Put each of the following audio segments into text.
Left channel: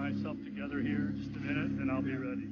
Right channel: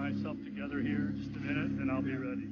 myself together here. Just a minute, and I'll be ready.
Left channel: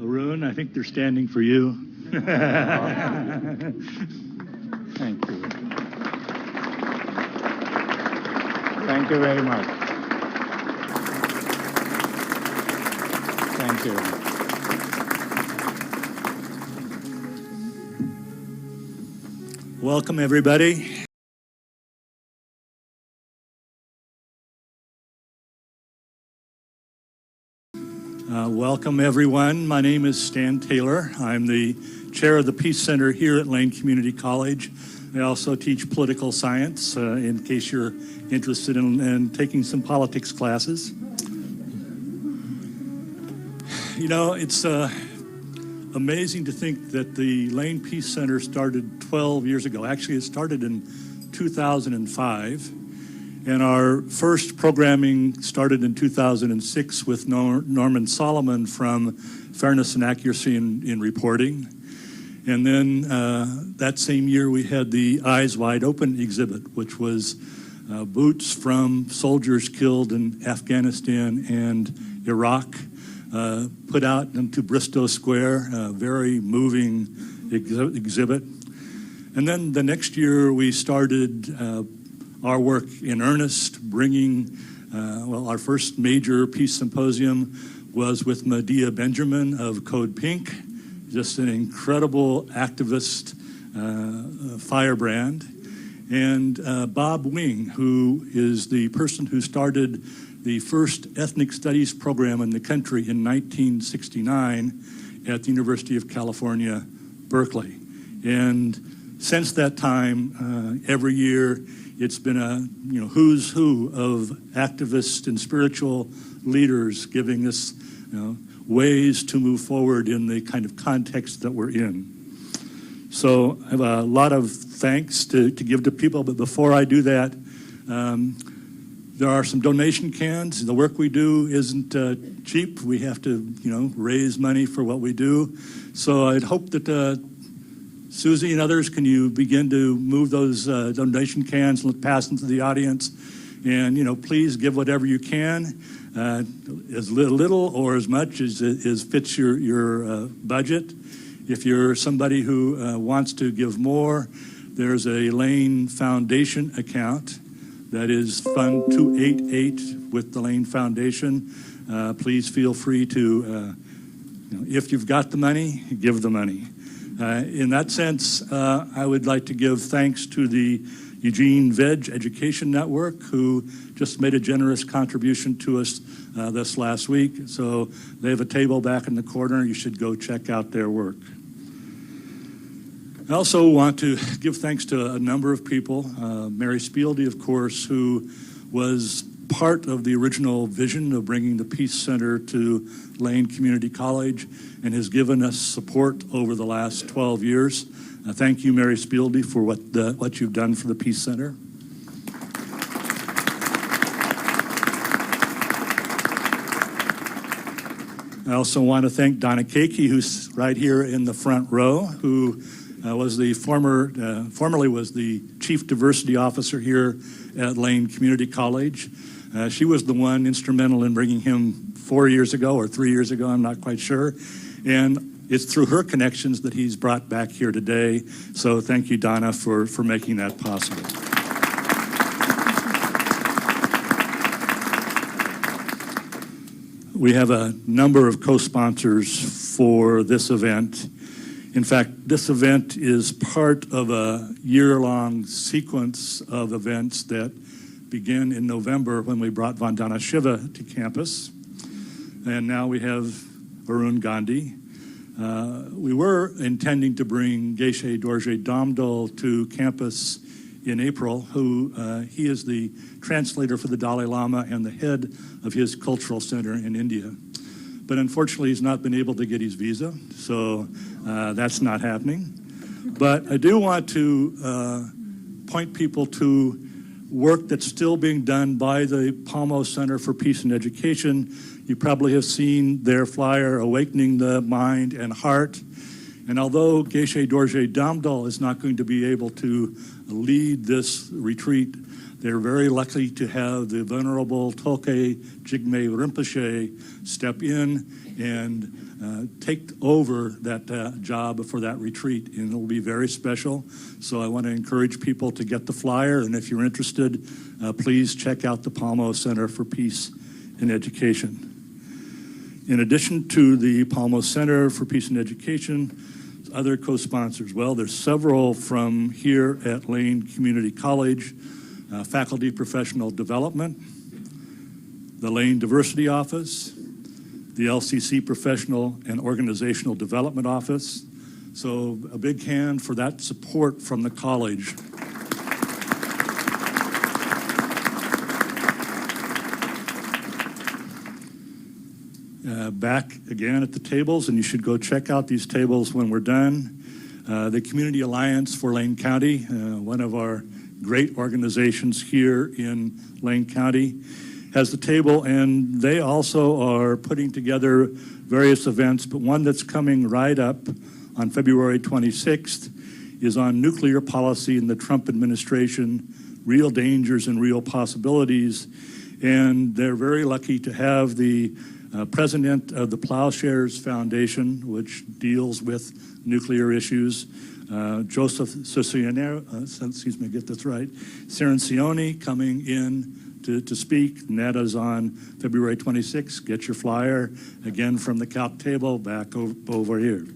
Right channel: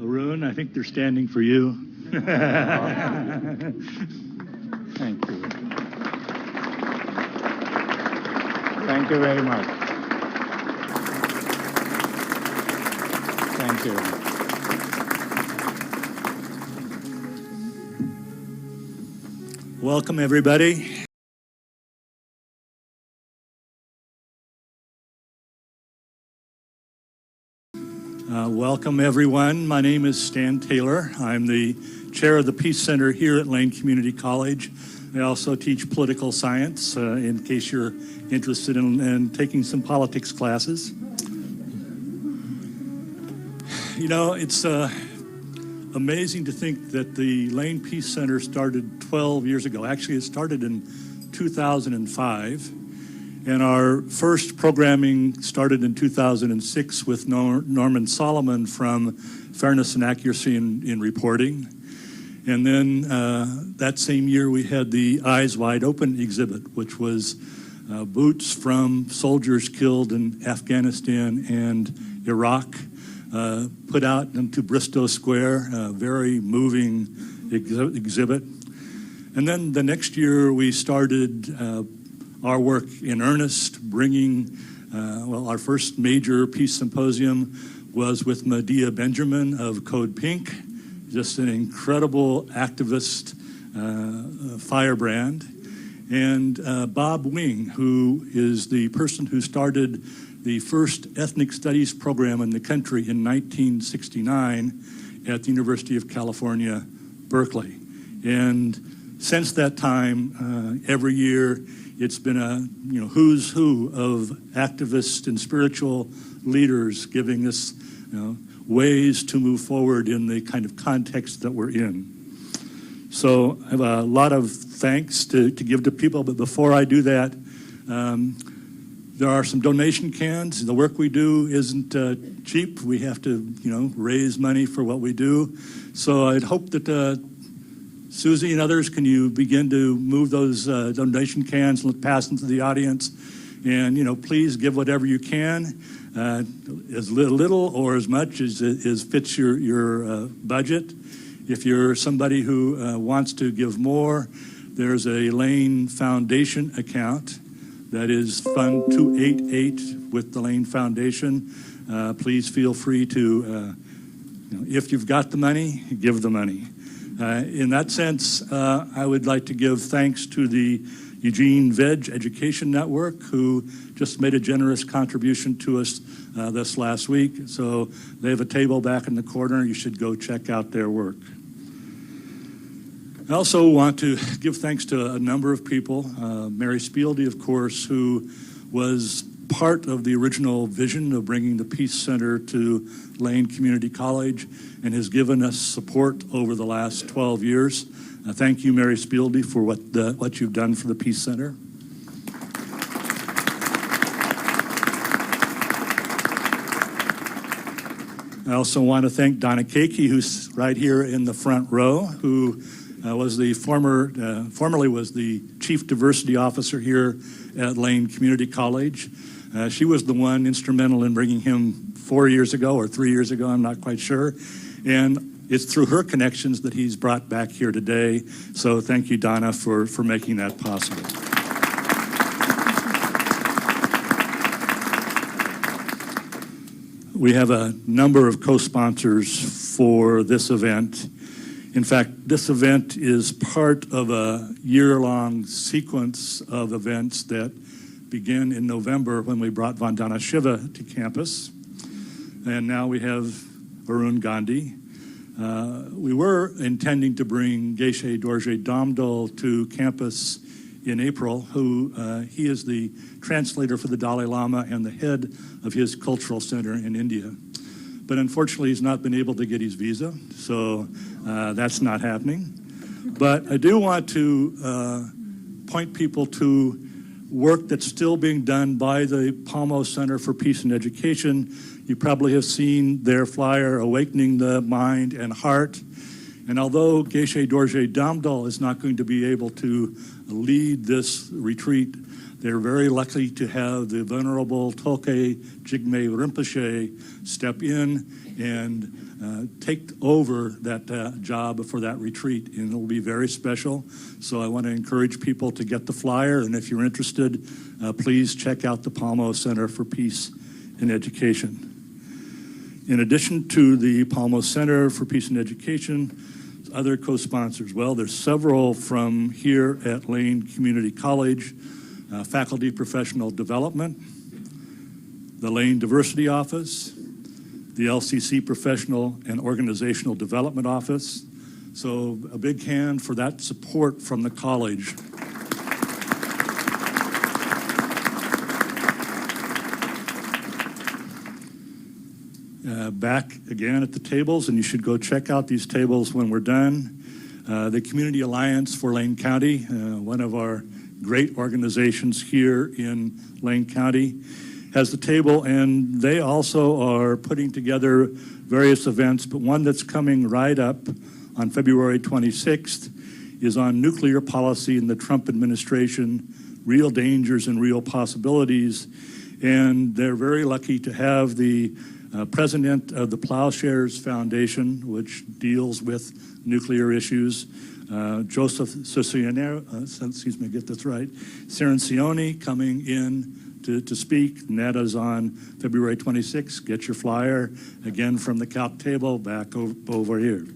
Arun, I think they're standing for you. Thank you. Thank you very much. Thank you. Welcome, everybody. Welcome, everyone. My name is Stan Taylor. I'm the chair of the Peace Center here at Lane Community College. I also teach political science, in case you're interested in taking some politics classes. You know, it's amazing to think that the Lane Peace Center started 12 years ago. Actually, it started in 2005. And our first programming started in 2006 with Norman Solomon from Fairness and Accuracy in Reporting. And then that same year we had the Eyes Wide Open exhibit, which was boots from soldiers killed in Afghanistan and Iraq, put out into Bristow Square, a very moving exhibit. And then the next year we started our work in earnest, bringing, our first major peace symposium was with Medea Benjamin of Code Pink, just an incredible activist firebrand. And Bob Wing, who is the person who started the first ethnic studies program in the country in 1969 at the University of California, Berkeley. And since that time, every year, it's been a who's who of activists and spiritual leaders giving us ways to move forward in the kind of context that we're in. So I have a lot of thanks to give to people, but before I do that, there are some donation cans. The work we do isn't cheap. We have to raise money for what we do. So I'd hope that Susie and others, can you begin to move those donation cans and pass them to the audience? And, please give whatever you can, as little or as much as fits your budget. If you're somebody who wants to give more, there's a Lane Foundation account that is Fund 288 with the Lane Foundation. Please feel free to, if you've got the money, give the money. In that sense, I would like to give thanks to the Eugene Veg Education Network, who just made a generous contribution to us this last week. So they have a table back in the corner. You should go check out their work. I also want to give thanks to a number of people. Mary Spieldy, of course, who was part of the original vision of bringing the Peace Center to Lane Community College and has given us support over the last 12 years. Thank you, Mary Spieldy, for what you've done for the Peace Center. I also want to thank Donna Keiki, who's right here in the front row, who was the formerly was the Chief Diversity Officer here at Lane Community College. She was the one instrumental in bringing him 4 years ago or 3 years ago, I'm not quite sure. And it's through her connections that he's brought back here today. So thank you, Donna, for making that possible. We have a number of co-sponsors for this event. In fact, this event is part of a year-long sequence of events that began in November when we brought Vandana Shiva to campus. And now we have Arun Gandhi. We were intending to bring Geshe Dorje Damdol to campus in April, who he is the translator for the Dalai Lama and the head of his cultural center in India. But unfortunately, he's not been able to get his visa, so that's not happening. But I do want to point people to work that's still being done by the Palmo Center for Peace and Education. You probably have seen their flyer, Awakening the Mind and Heart. And although Geshe Dorje Damdol is not going to be able to lead this retreat, they're very lucky to have the Venerable Tolke Jigme Rinpoche step in and take over that job for that retreat, and it'll be very special. So I want to encourage people to get the flyer, and if you're interested, please check out the Palmo Center for Peace and Education. In addition to the Palmo Center for Peace and Education, other co-sponsors, well, there's several from here at Lane Community College, Faculty Professional Development, the Lane Diversity Office, the LCC Professional and Organizational Development Office. So a big hand for that support from the college. Back again at the tables, and you should go check out these tables when we're done. The Community Alliance for Lane County, one of our great organizations here in Lane County, has the table, and they also are putting together various events, but one that's coming right up on February 26th is on nuclear policy in the Trump administration, real dangers and real possibilities. And they're very lucky to have the president of the Plowshares Foundation, which deals with nuclear issues, Joseph Cirincione, coming in to speak, and that is on February 26th. Get your flyer, again, from the CALC table back over here.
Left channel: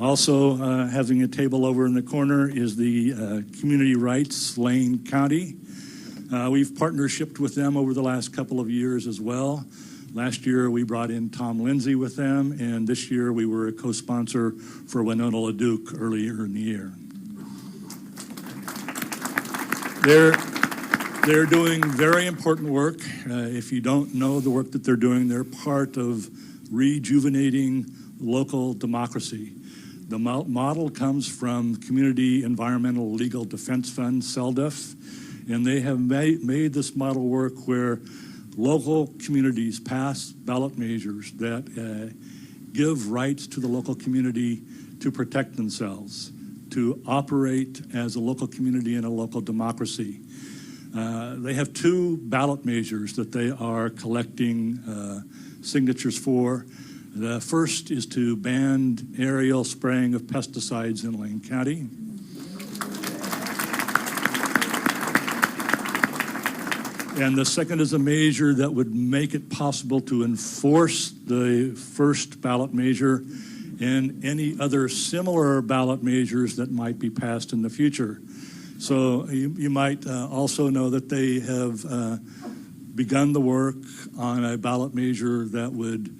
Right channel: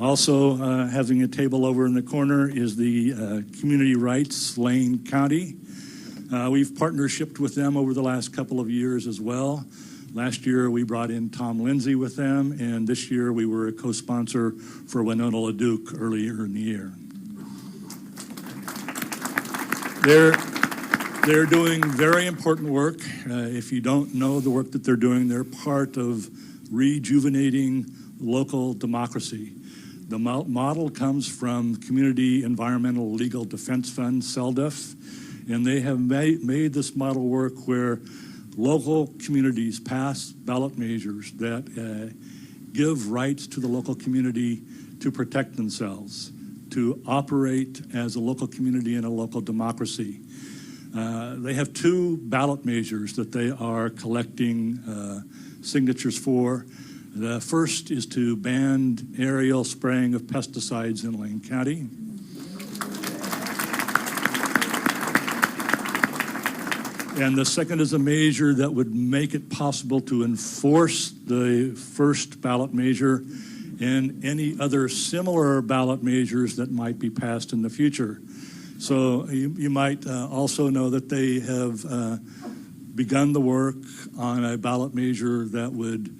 Also having a table over in the corner is the Community Rights Lane County. We've partnershiped with them over the last couple of years as well. Last year we brought in Tom Lindsay with them, and this year we were a co-sponsor for Winona LaDuke earlier in the year. They're doing very important work. If you don't know the work that they're doing, they're part of rejuvenating local democracy. The model comes from Community Environmental Legal Defense Fund, CELDEF, and they have made this model work where local communities pass ballot measures that give rights to the local community to protect themselves, to operate as a local community and a local democracy. They have 2 ballot measures that they are collecting signatures for. The first is to ban aerial spraying of pesticides in Lane County. And the second is a measure that would make it possible to enforce the first ballot measure and any other similar ballot measures that might be passed in the future. So you might also know that they have begun the work on a ballot measure that would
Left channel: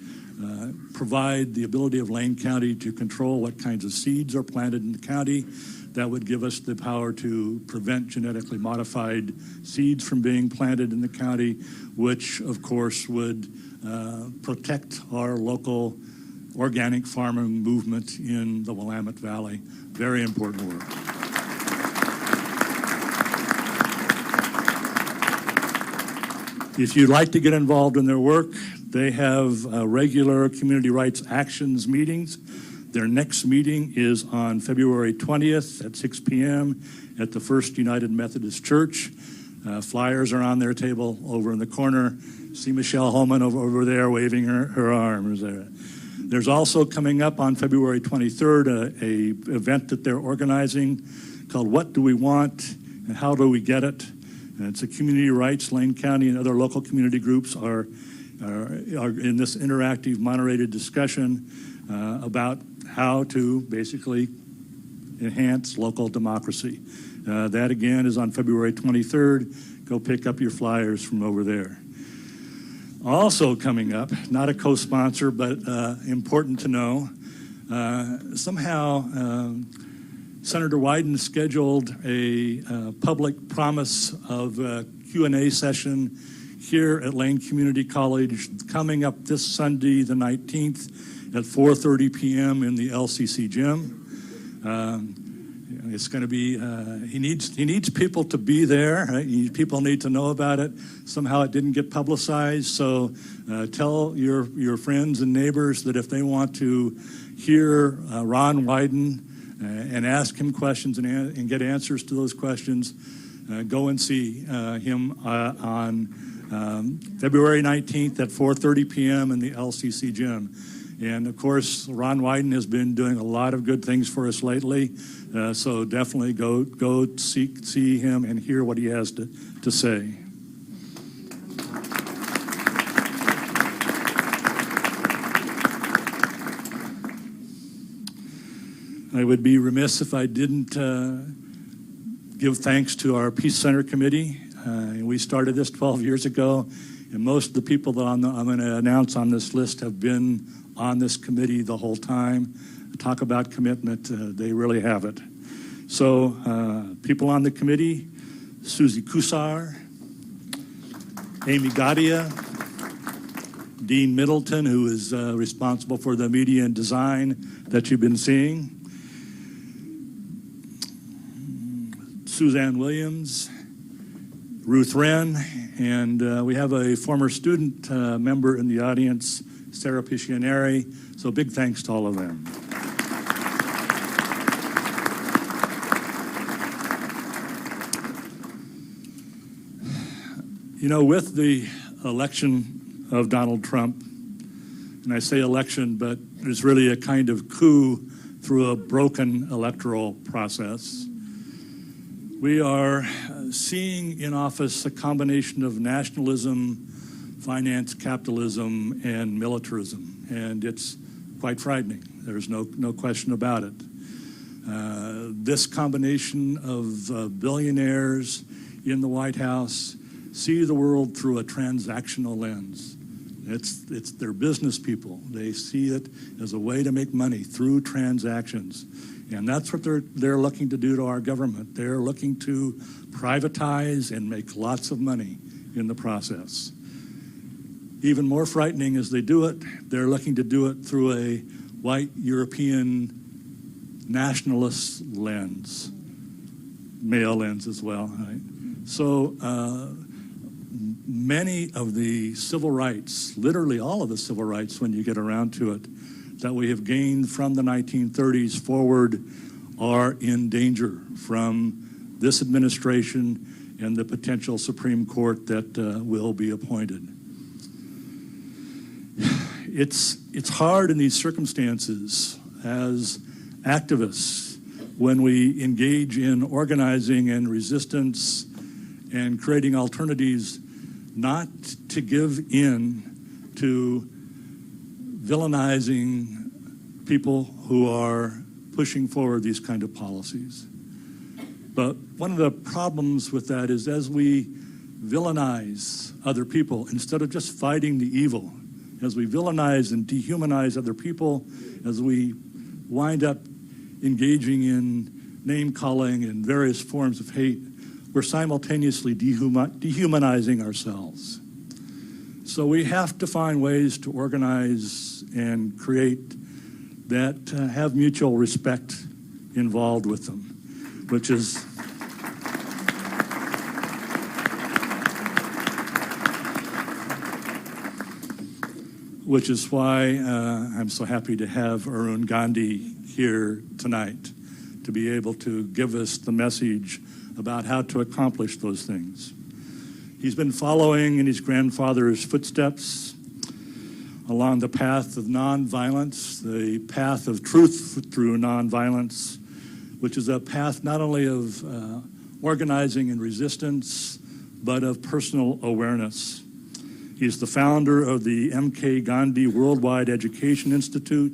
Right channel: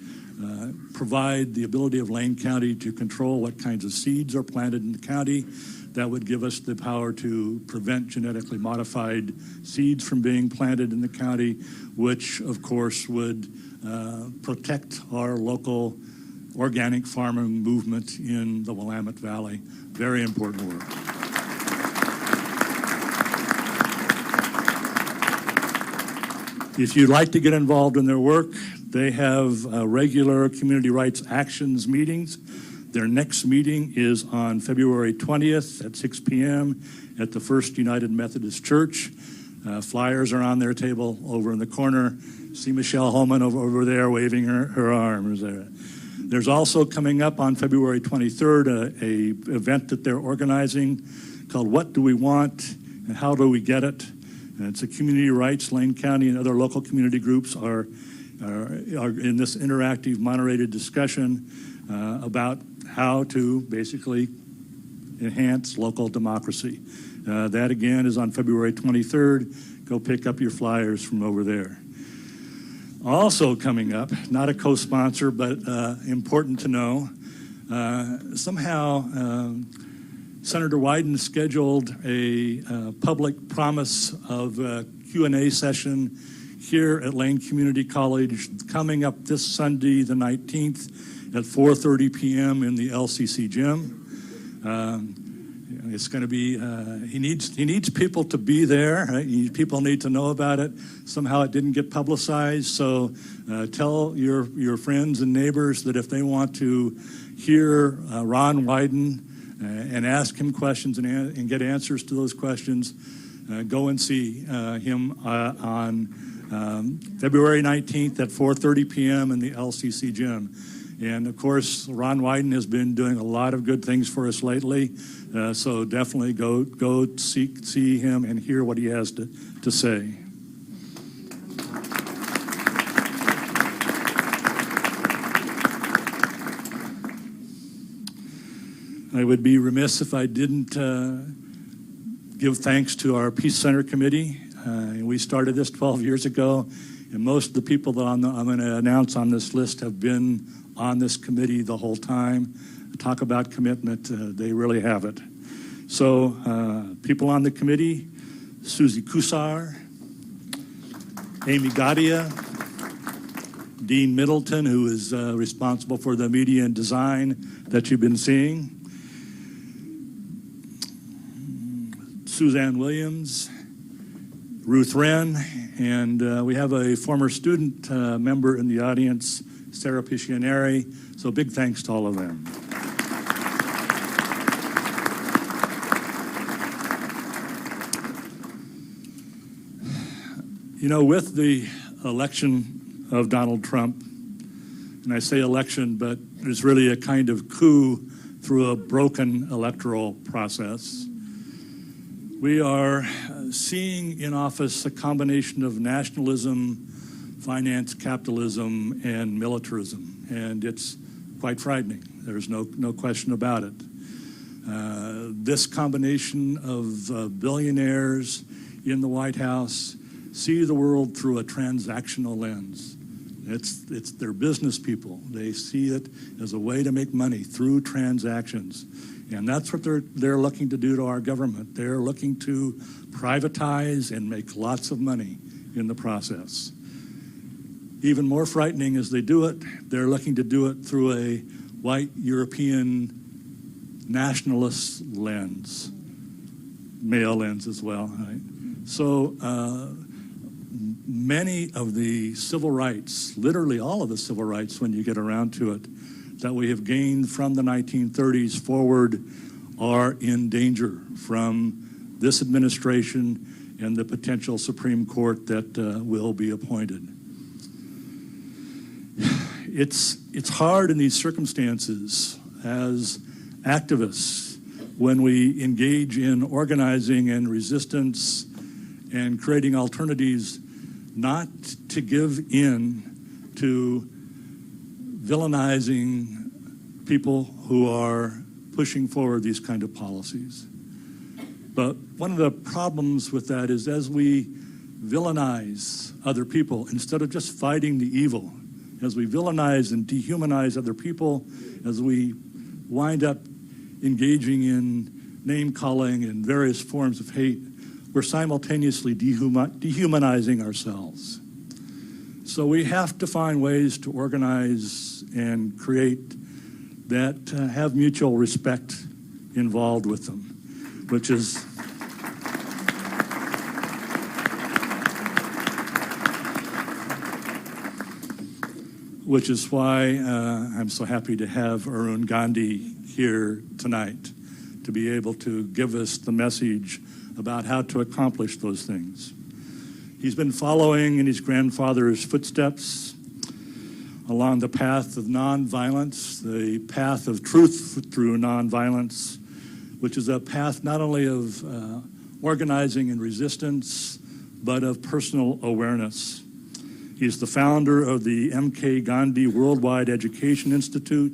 provide the ability of Lane County to control what kinds of seeds are planted in the county. That would give us the power to prevent genetically modified seeds from being planted in the county, which of course would protect our local organic farming movement in the Willamette Valley. Very important work. If you'd like to get involved in their work, they have regular community rights actions meetings. Their next meeting is on February 20th at 6 p.m. at the First United Methodist Church. Flyers are on their table over in the corner. See Michelle Holman over there waving her arms there. There's also coming up on February 23rd a event that they're organizing called What Do We Want and How Do We Get It? And it's a community rights. Lane County and other local community groups are in this interactive, moderated discussion about how to basically enhance local democracy. That again is on February 23rd. Go pick up your flyers from over there. Also coming up, not a co-sponsor, but important to know, somehow Senator Wyden scheduled a public promise of a Q&A session here at Lane Community College coming up this Sunday, the 19th at 4:30 p.m. in the LCC gym. It's going to be, he needs people to be there. Right? People need to know about it. Somehow it didn't get publicized, so tell your friends and neighbors that if they want to hear Ron Wyden and ask him questions and get answers to those questions, go and see him on February 19th at 4:30 p.m. in the LCC gym. And of course, Ron Wyden has been doing a lot of good things for us lately, so definitely go see him and hear what he has to say. I would be remiss if I didn't give thanks to our Peace Center Committee. We started this 12 years ago, and most of the people that I'm going to announce on this list have been on this committee the whole time. Talk about commitment, they really have it. So people on the committee: Susie Kusar, Amy Gadia, Dean Middleton, who is responsible for the media and design that you've been seeing. Suzanne Williams, Ruth Wren, and we have a former student member in the audience, Sarah Piscianeri. So big thanks to all of them. You know, with the election of Donald Trump, and I say election, but it's really a kind of coup through a broken electoral process, we are seeing in office a combination of nationalism, finance, capitalism, and militarism, and it's quite frightening. There's no question about it. This combination of billionaires in the White House see the world through a transactional lens. It's their business people. They see it as a way to make money through transactions. And that's what they're looking to do to our government. They're looking to privatize and make lots of money in the process. Even more frightening as they do it, they're looking to do it through a white European nationalist lens, male lens as well, right? So many of the civil rights, literally all of the civil rights when you get around to it, that we have gained from the 1930s forward are in danger from this administration and the potential Supreme Court that will be appointed. It's hard in these circumstances as activists when we engage in organizing and resistance and creating alternatives not to give in to villainizing people who are pushing forward these kind of policies. But one of the problems with that is as we villainize other people, instead of just fighting the evil, as we villainize and dehumanize other people, as we wind up engaging in name-calling and various forms of hate, we're simultaneously dehumanizing ourselves. So we have to find ways to organize and create that have mutual respect involved with them, which is why I'm so happy to have Arun Gandhi here tonight to be able to give us the message about how to accomplish those things. He's been following in his grandfather's footsteps along the path of nonviolence, the path of truth through nonviolence, which is a path not only of organizing and resistance, but of personal awareness. He's the founder of the M.K. Gandhi Worldwide Education Institute.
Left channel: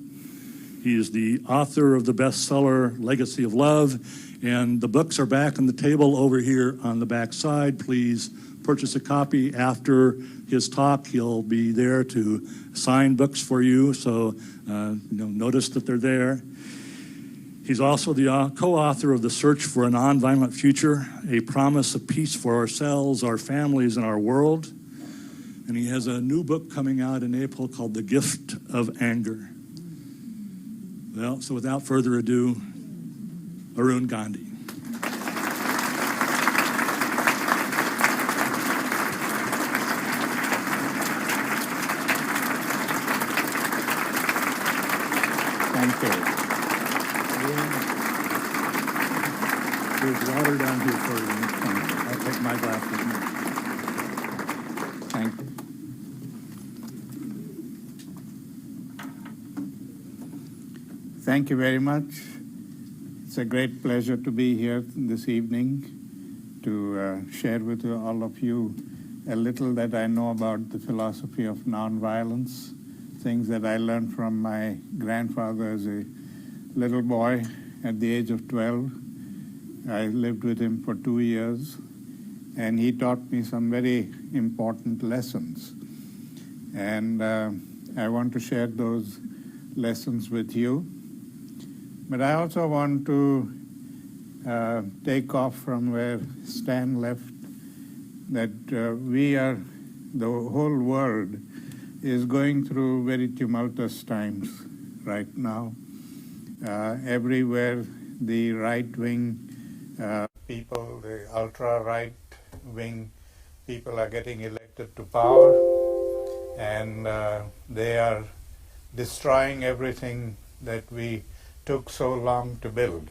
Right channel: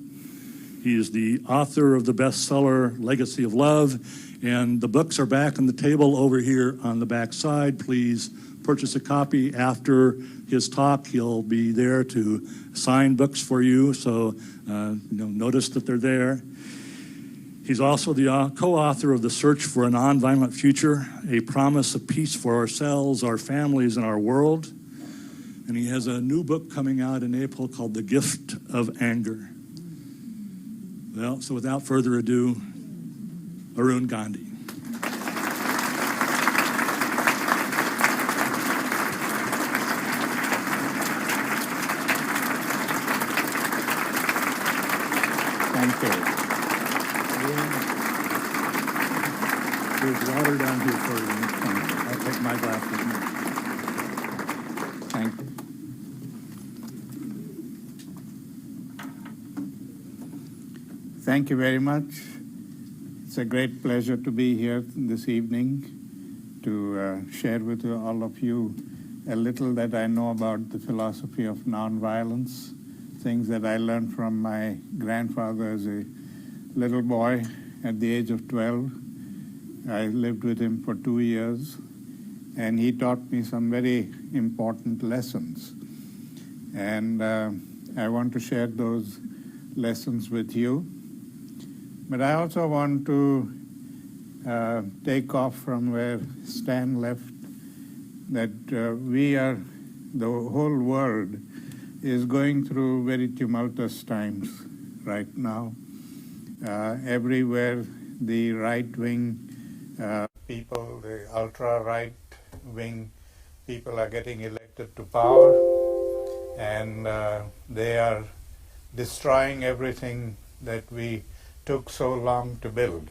He is the author of the bestseller Legacy of Love, and the books are back on the table over here on the back side. Please purchase a copy after his talk. He'll be there to sign books for you, so notice that they're there. He's also the co-author of The Search for a Nonviolent Future, a promise of peace for ourselves, our families, and our world. And he has a new book coming out in April called The Gift of Anger. Well, so without further ado, Arun Gandhi. Thank you. There's water down here for you. I'll take my glass with me. Thank you. Thank you very much. It's a great pleasure to be here this evening to share with all of you a little that I know about the philosophy of nonviolence, things that I learned from my grandfather as a little boy at the age of 12. I lived with him for 2 years, and he taught me some very important lessons. And I want to share those lessons with you. But I also want to take off from where Stan left, that we are, the whole world is going through very tumultuous times right now. Everywhere the right-wing people, the ultra-right-wing people are getting elected to power, and they are destroying everything that we took so long to build,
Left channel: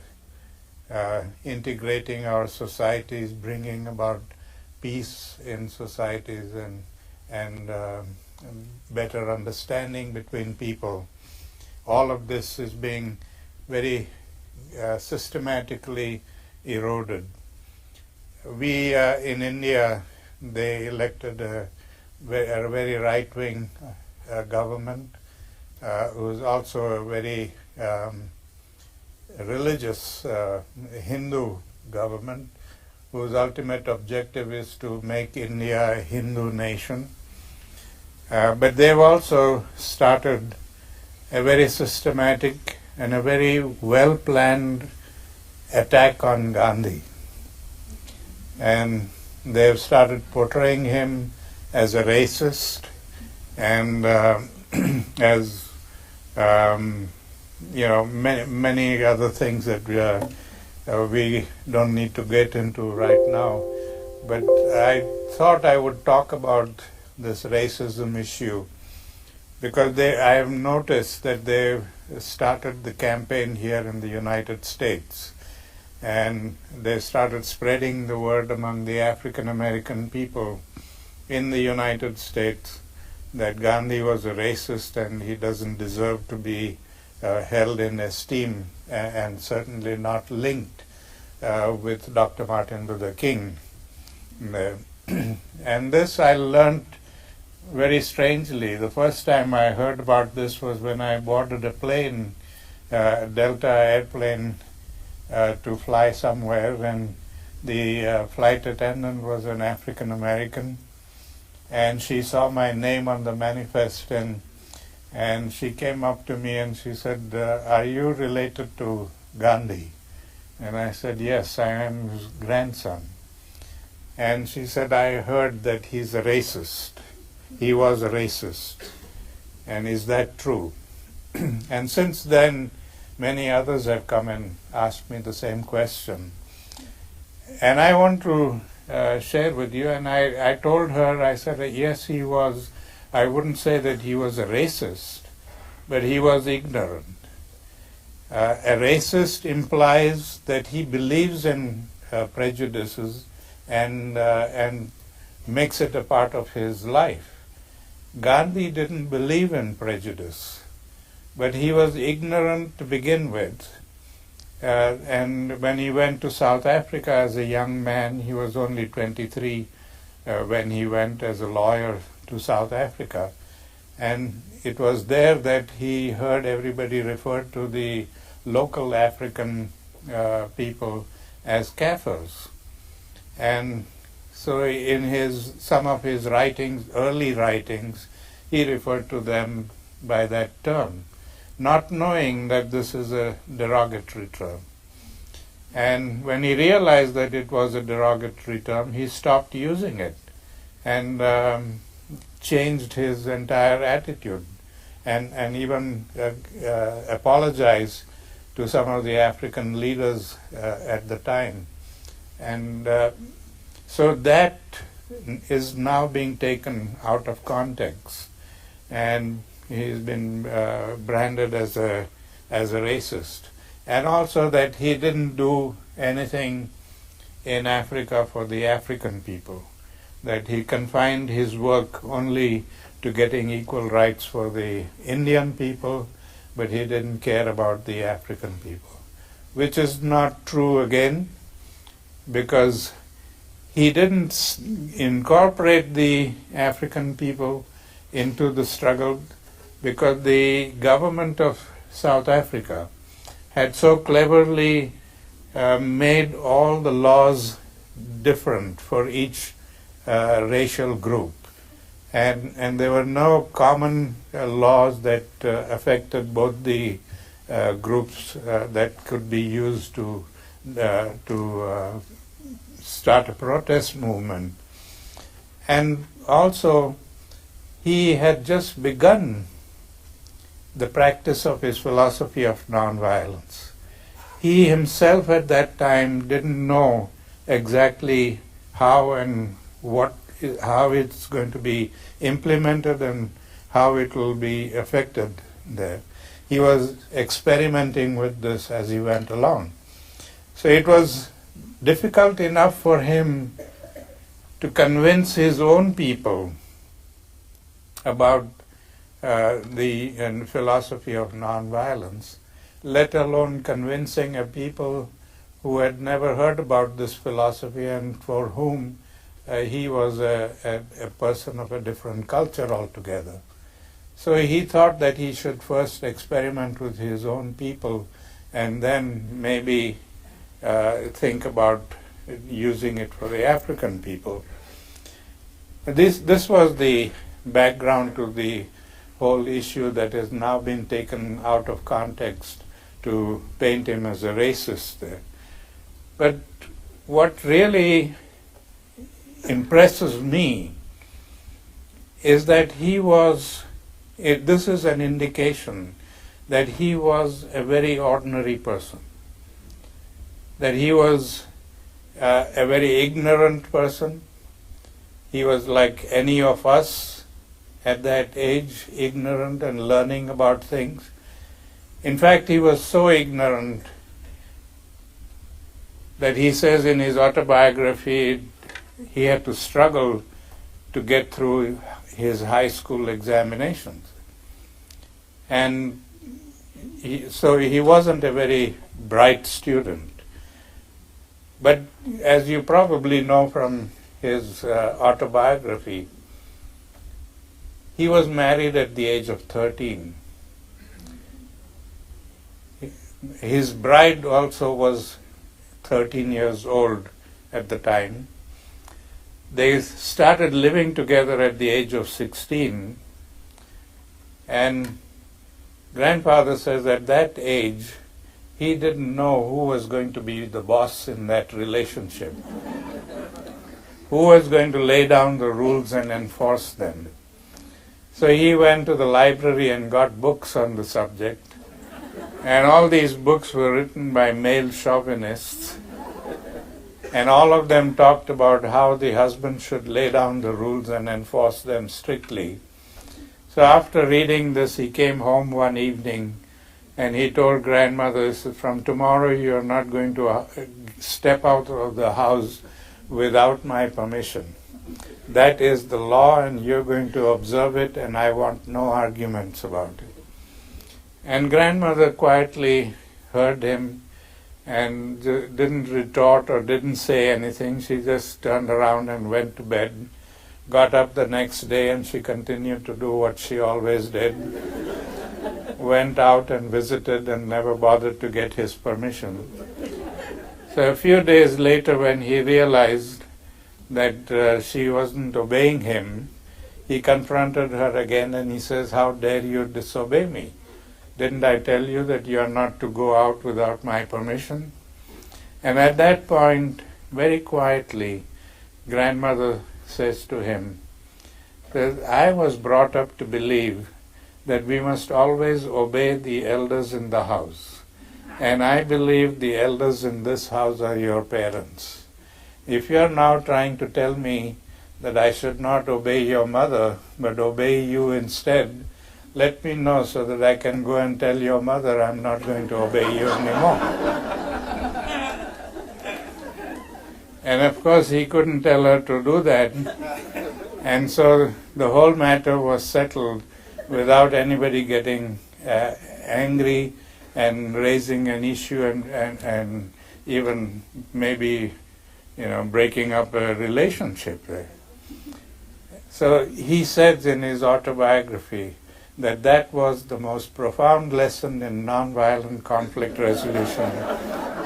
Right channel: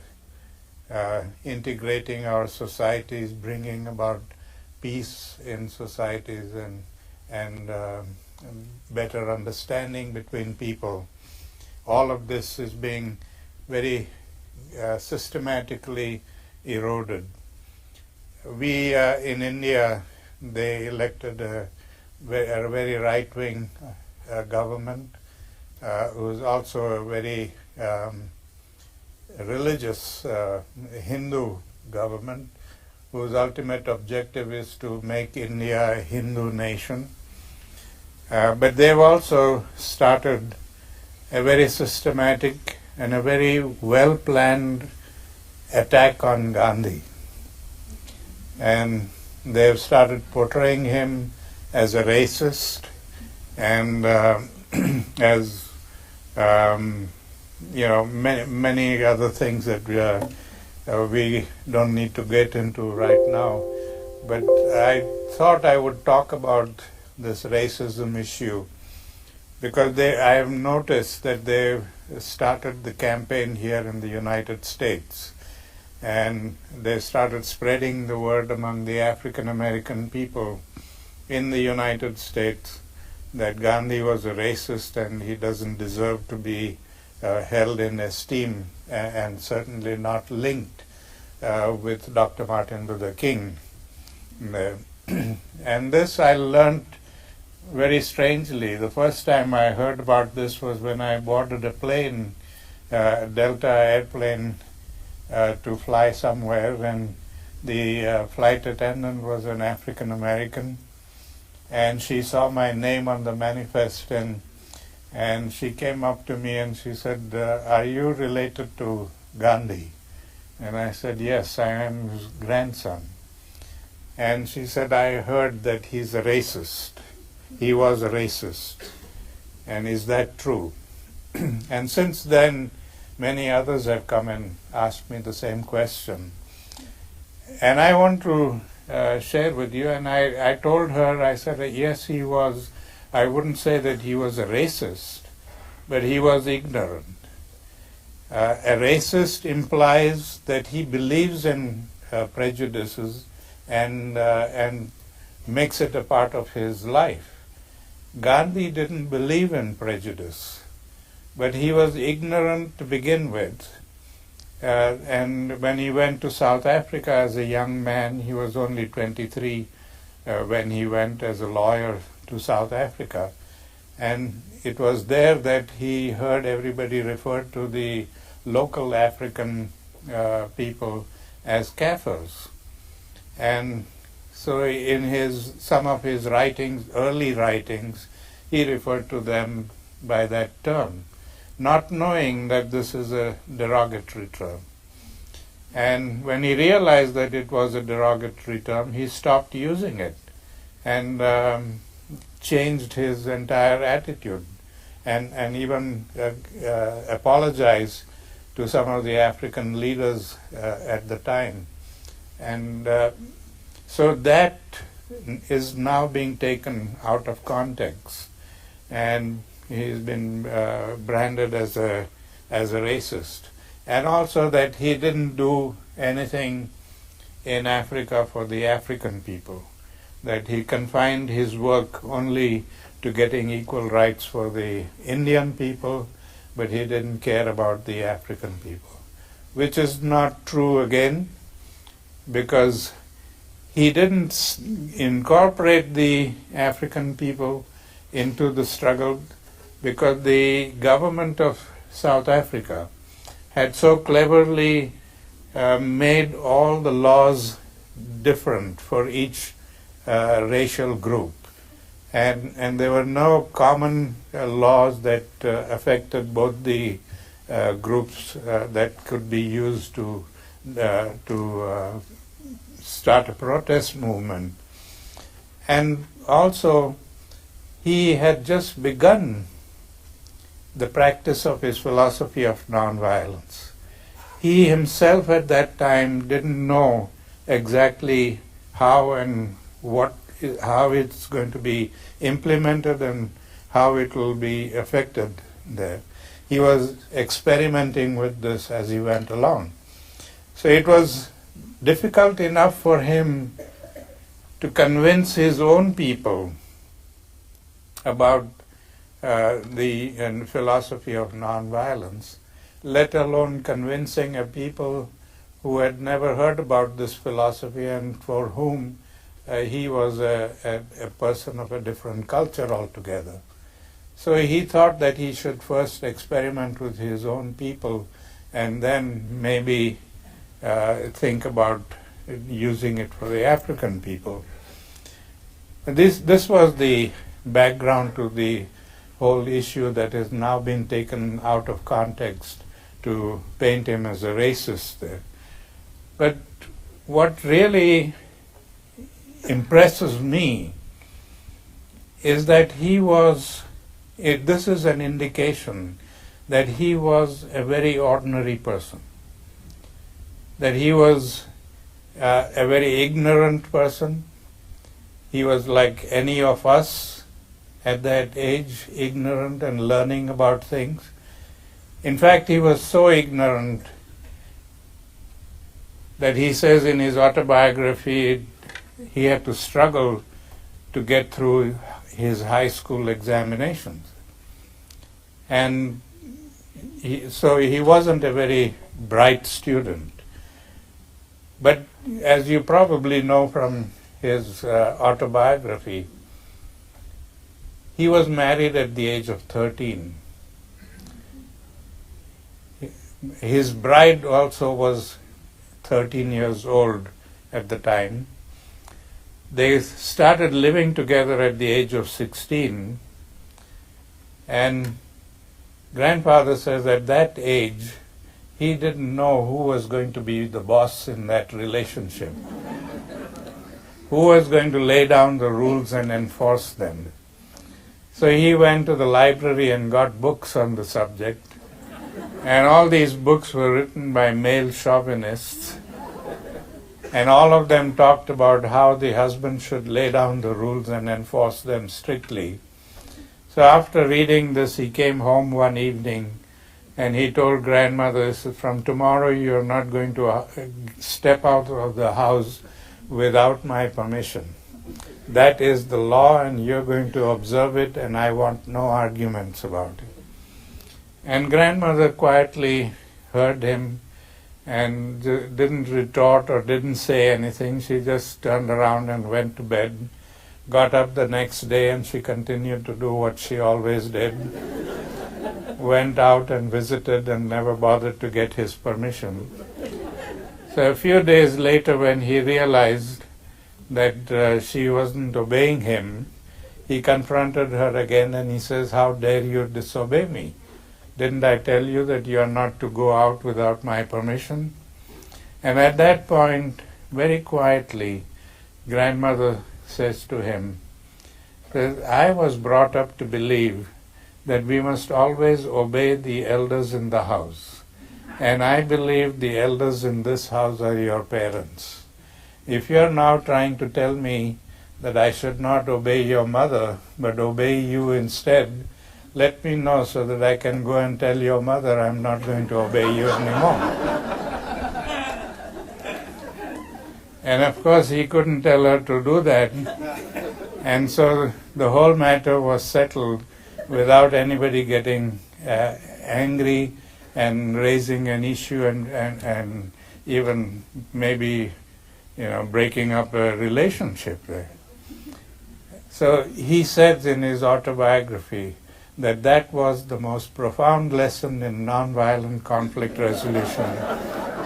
integrating our societies, bringing about peace in societies and better understanding between people. All of this is being very systematically eroded. We in India, they elected a very right-wing government, who is also a very religious Hindu government, whose ultimate objective is to make India a Hindu nation. But they've also started a very systematic and a very well-planned attack on Gandhi. And they've started portraying him as a racist and as many other things that we don't need to get into right now. But I thought I would talk about this racism issue because I have noticed that they've started the campaign here in the United States, and they started spreading the word among the African American people in the United States that Gandhi was a racist and he doesn't deserve to be held in esteem and certainly not linked with Dr. Martin Luther King. And this I learned very strangely. The first time I heard about this was when I boarded a plane, Delta airplane, to fly somewhere, and the flight attendant was an African American, and she saw my name on the manifest, and she came up to me and she said, "Are you related to Gandhi?" And I said, "Yes, I am his grandson." And she said, "I heard that he's a racist. He was a racist. And is that true?" And since then, many others have come and asked me the same question. And I want to share with you, and I told her, I said, yes, he was. I wouldn't say that he was a racist, but he was ignorant. A racist implies that he believes in prejudices and makes it a part of his life. Gandhi didn't believe in prejudice, but he was ignorant to begin with. And when he went to South Africa as a young man, he was only 23 when he went as a lawyer to South Africa. And it was there that he heard everybody refer to the local African people as Kafirs. And so in some of his writings, early writings, he referred to them by that term, not knowing that this is a derogatory term. And when he realized that it was a derogatory term, he stopped using it and changed his entire attitude and even apologized to some of the African leaders at the time. And so that is now being taken out of context, and he's been branded as a racist. And also that he didn't do anything in Africa for the African people, that he confined his work only to getting equal rights for the Indian people, but he didn't care about the African people, which is not true again, because he didn't incorporate the African people into the struggle, because the government of South Africa had so cleverly made all the laws different for each racial group. And there were no common laws that affected both the groups that could be used to start a protest movement. And also, he had just begun the practice of his philosophy of nonviolence. He himself at that time didn't know exactly how and how it's going to be implemented and how it will be effected there. He was experimenting with this as he went along. So it was difficult enough for him to convince his own people about the philosophy of nonviolence, let alone convincing a people who had never heard about this philosophy and for whom he was a person of a different culture altogether. So he thought that he should first experiment with his own people and then maybe think about using it for the African people. This was the background to the whole issue that has now been taken out of context to paint him as a racist there. But what really impresses me is that this is an indication that he was a very ordinary person, that he was a very ignorant person. He was like any of us at that age, ignorant and learning about things. In fact, he was so ignorant that he says in his autobiography he had to struggle to get through his high school examinations. And so he wasn't a very bright student. But as you probably know from his autobiography, he was married at the age of 13. His bride also was 13 years old at the time. They started living together at the age of 16, and grandfather says at that age he didn't know who was going to be the boss in that relationship, who was going to lay down the rules and enforce them. So he went to the library and got books on the subject, and all these books were written by male chauvinists, and all of them talked about how the husband should lay down the rules and enforce them strictly. So after reading this, he came home one evening and he told grandmother, from tomorrow you're not going to step out of the house without my permission. That is the law and you're going to observe it, and I want no arguments about it. And grandmother quietly heard him and didn't retort or didn't say anything. She just turned around and went to bed, got up the next day, and she continued to do what she always did. Went out and visited and never bothered to get his permission. So a few days later, when he realized that she wasn't obeying him, he confronted her again and he says, "How dare you disobey me? Didn't I tell you that you are not to go out without my permission?" And at that point, very quietly, grandmother says to him, "I was brought up to believe that we must always obey the elders in the house. And I believe the elders in this house are your parents. If you are now trying to tell me that I should not obey your mother, but obey you instead, let me know so that I can go and tell your mother I'm not going to obey you anymore." And of course he couldn't tell her to do that. And so the whole matter was settled without anybody getting angry and raising an issue and even maybe breaking up a relationship there. So he says in his autobiography that was the most profound lesson in nonviolent conflict resolution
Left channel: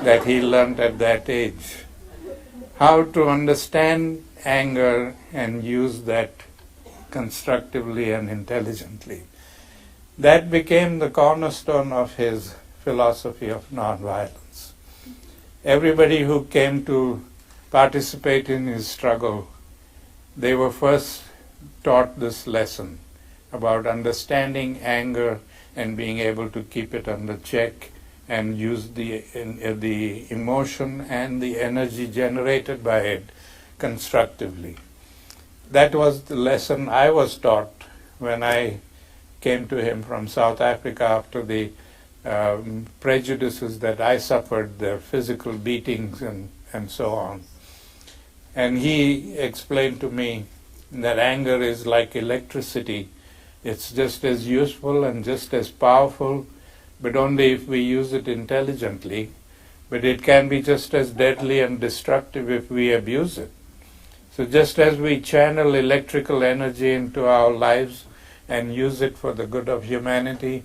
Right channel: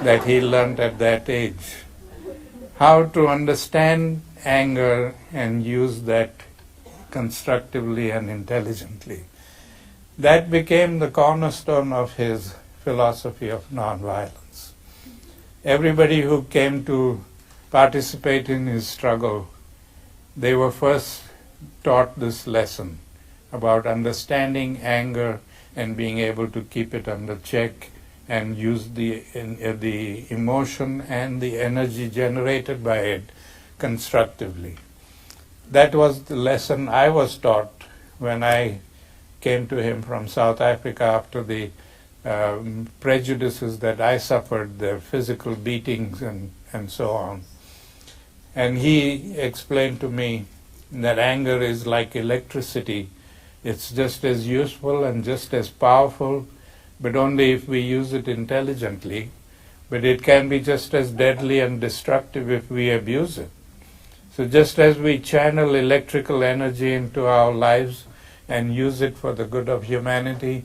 that he learned at that age. How to understand anger and use that constructively and intelligently. That became the cornerstone of his philosophy of nonviolence. Everybody who came to participate in his struggle, they were first taught this lesson. about understanding anger and being able to keep it under check and use the emotion and the energy generated by it constructively. That was the lesson I was taught when I came to him from South Africa after the prejudices that I suffered, the physical beatings and so on. And he explained to me that anger is like electricity. It's just as useful and just as powerful, but only if we use it intelligently. But it can be just as deadly and destructive if we abuse it. So just as we channel electrical energy into our lives and use it for the good of humanity,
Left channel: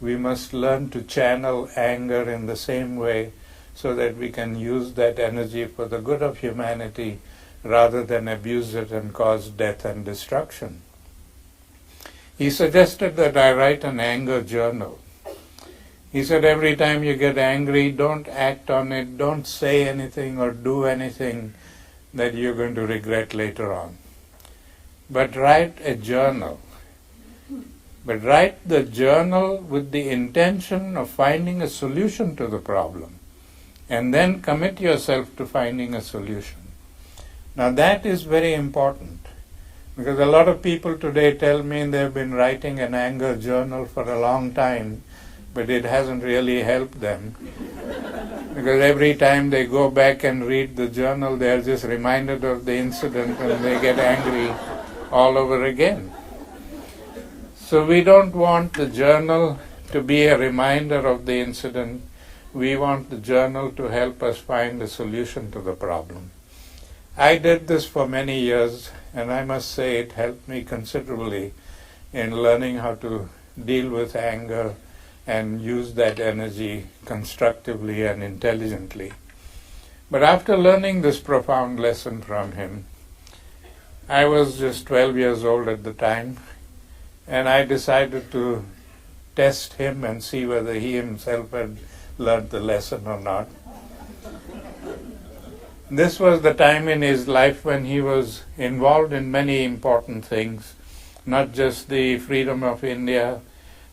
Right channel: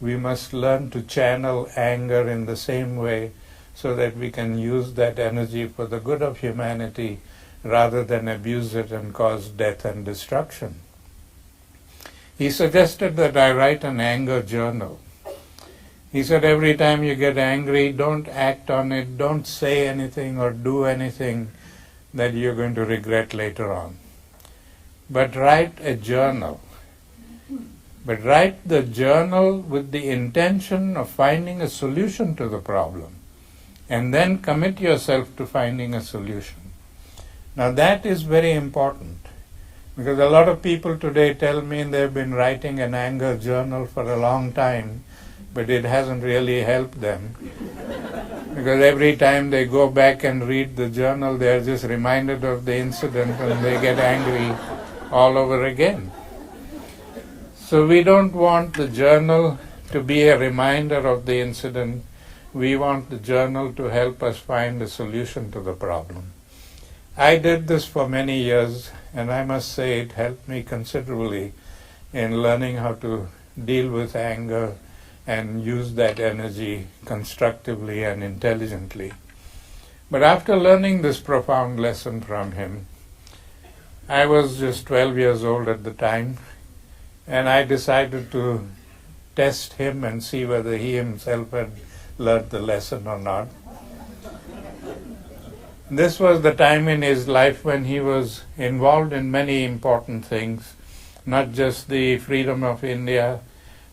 we must learn to channel anger in the same way so that we can use that energy for the good of humanity rather than abuse it and cause death and destruction. He suggested that I write an anger journal. He said every time you get angry, don't act on it, don't say anything or do anything that you're going to regret later on. But write a journal. But write the journal with the intention of finding a solution to the problem, and then commit yourself to finding a solution. Now that is very important, because a lot of people today tell me they've been writing an anger journal for a long time, but it hasn't really helped them. Because every time they go back and read the journal, they're just reminded of the incident and they get angry all over again. So we don't want the journal to be a reminder of the incident. We want the journal to help us find a solution to the problem. I did this for many years, and I must say it helped me considerably in learning how to deal with anger and use that energy constructively and intelligently. But after learning this profound lesson from him, I was just 12 years old at the time, and I decided to test him and see whether he himself had learned the lesson or not. This was the time in his life when he was involved in many important things, not just the freedom of India,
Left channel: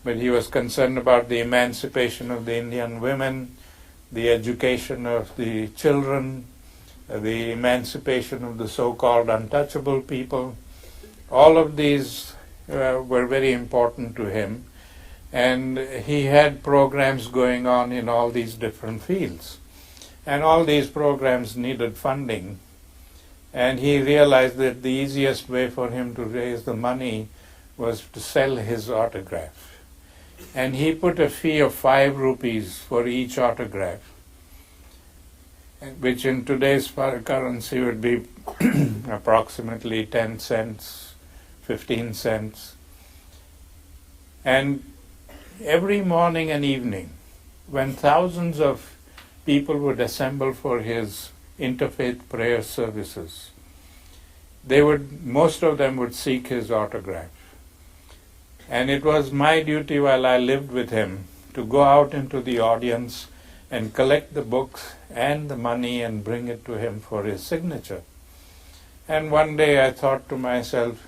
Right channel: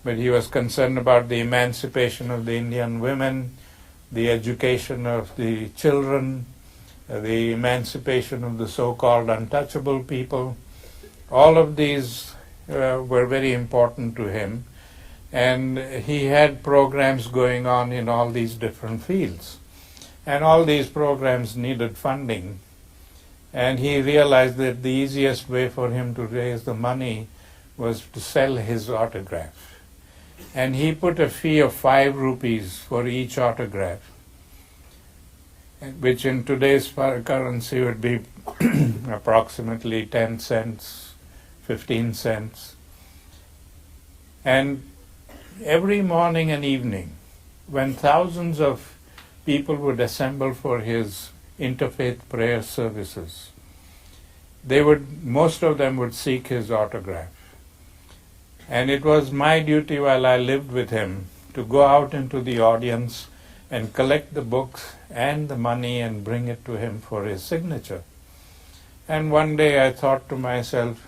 but he was concerned about the emancipation of the Indian women, the education of the children, the emancipation of the so-called untouchable people. All of these were very important to him, and he had programs going on in all these different fields. And all these programs needed funding, and he realized that the easiest way for him to raise the money was to sell his autograph. And he put a fee of 5 rupees for each autograph, which in today's currency would be approximately 10 cents, 15 cents. And every morning and evening, when thousands of people would assemble for his interfaith prayer services, most of them would seek his autograph. And it was my duty while I lived with him to go out into the audience and collect the books and the money and bring it to him for his signature. And one day I thought to myself,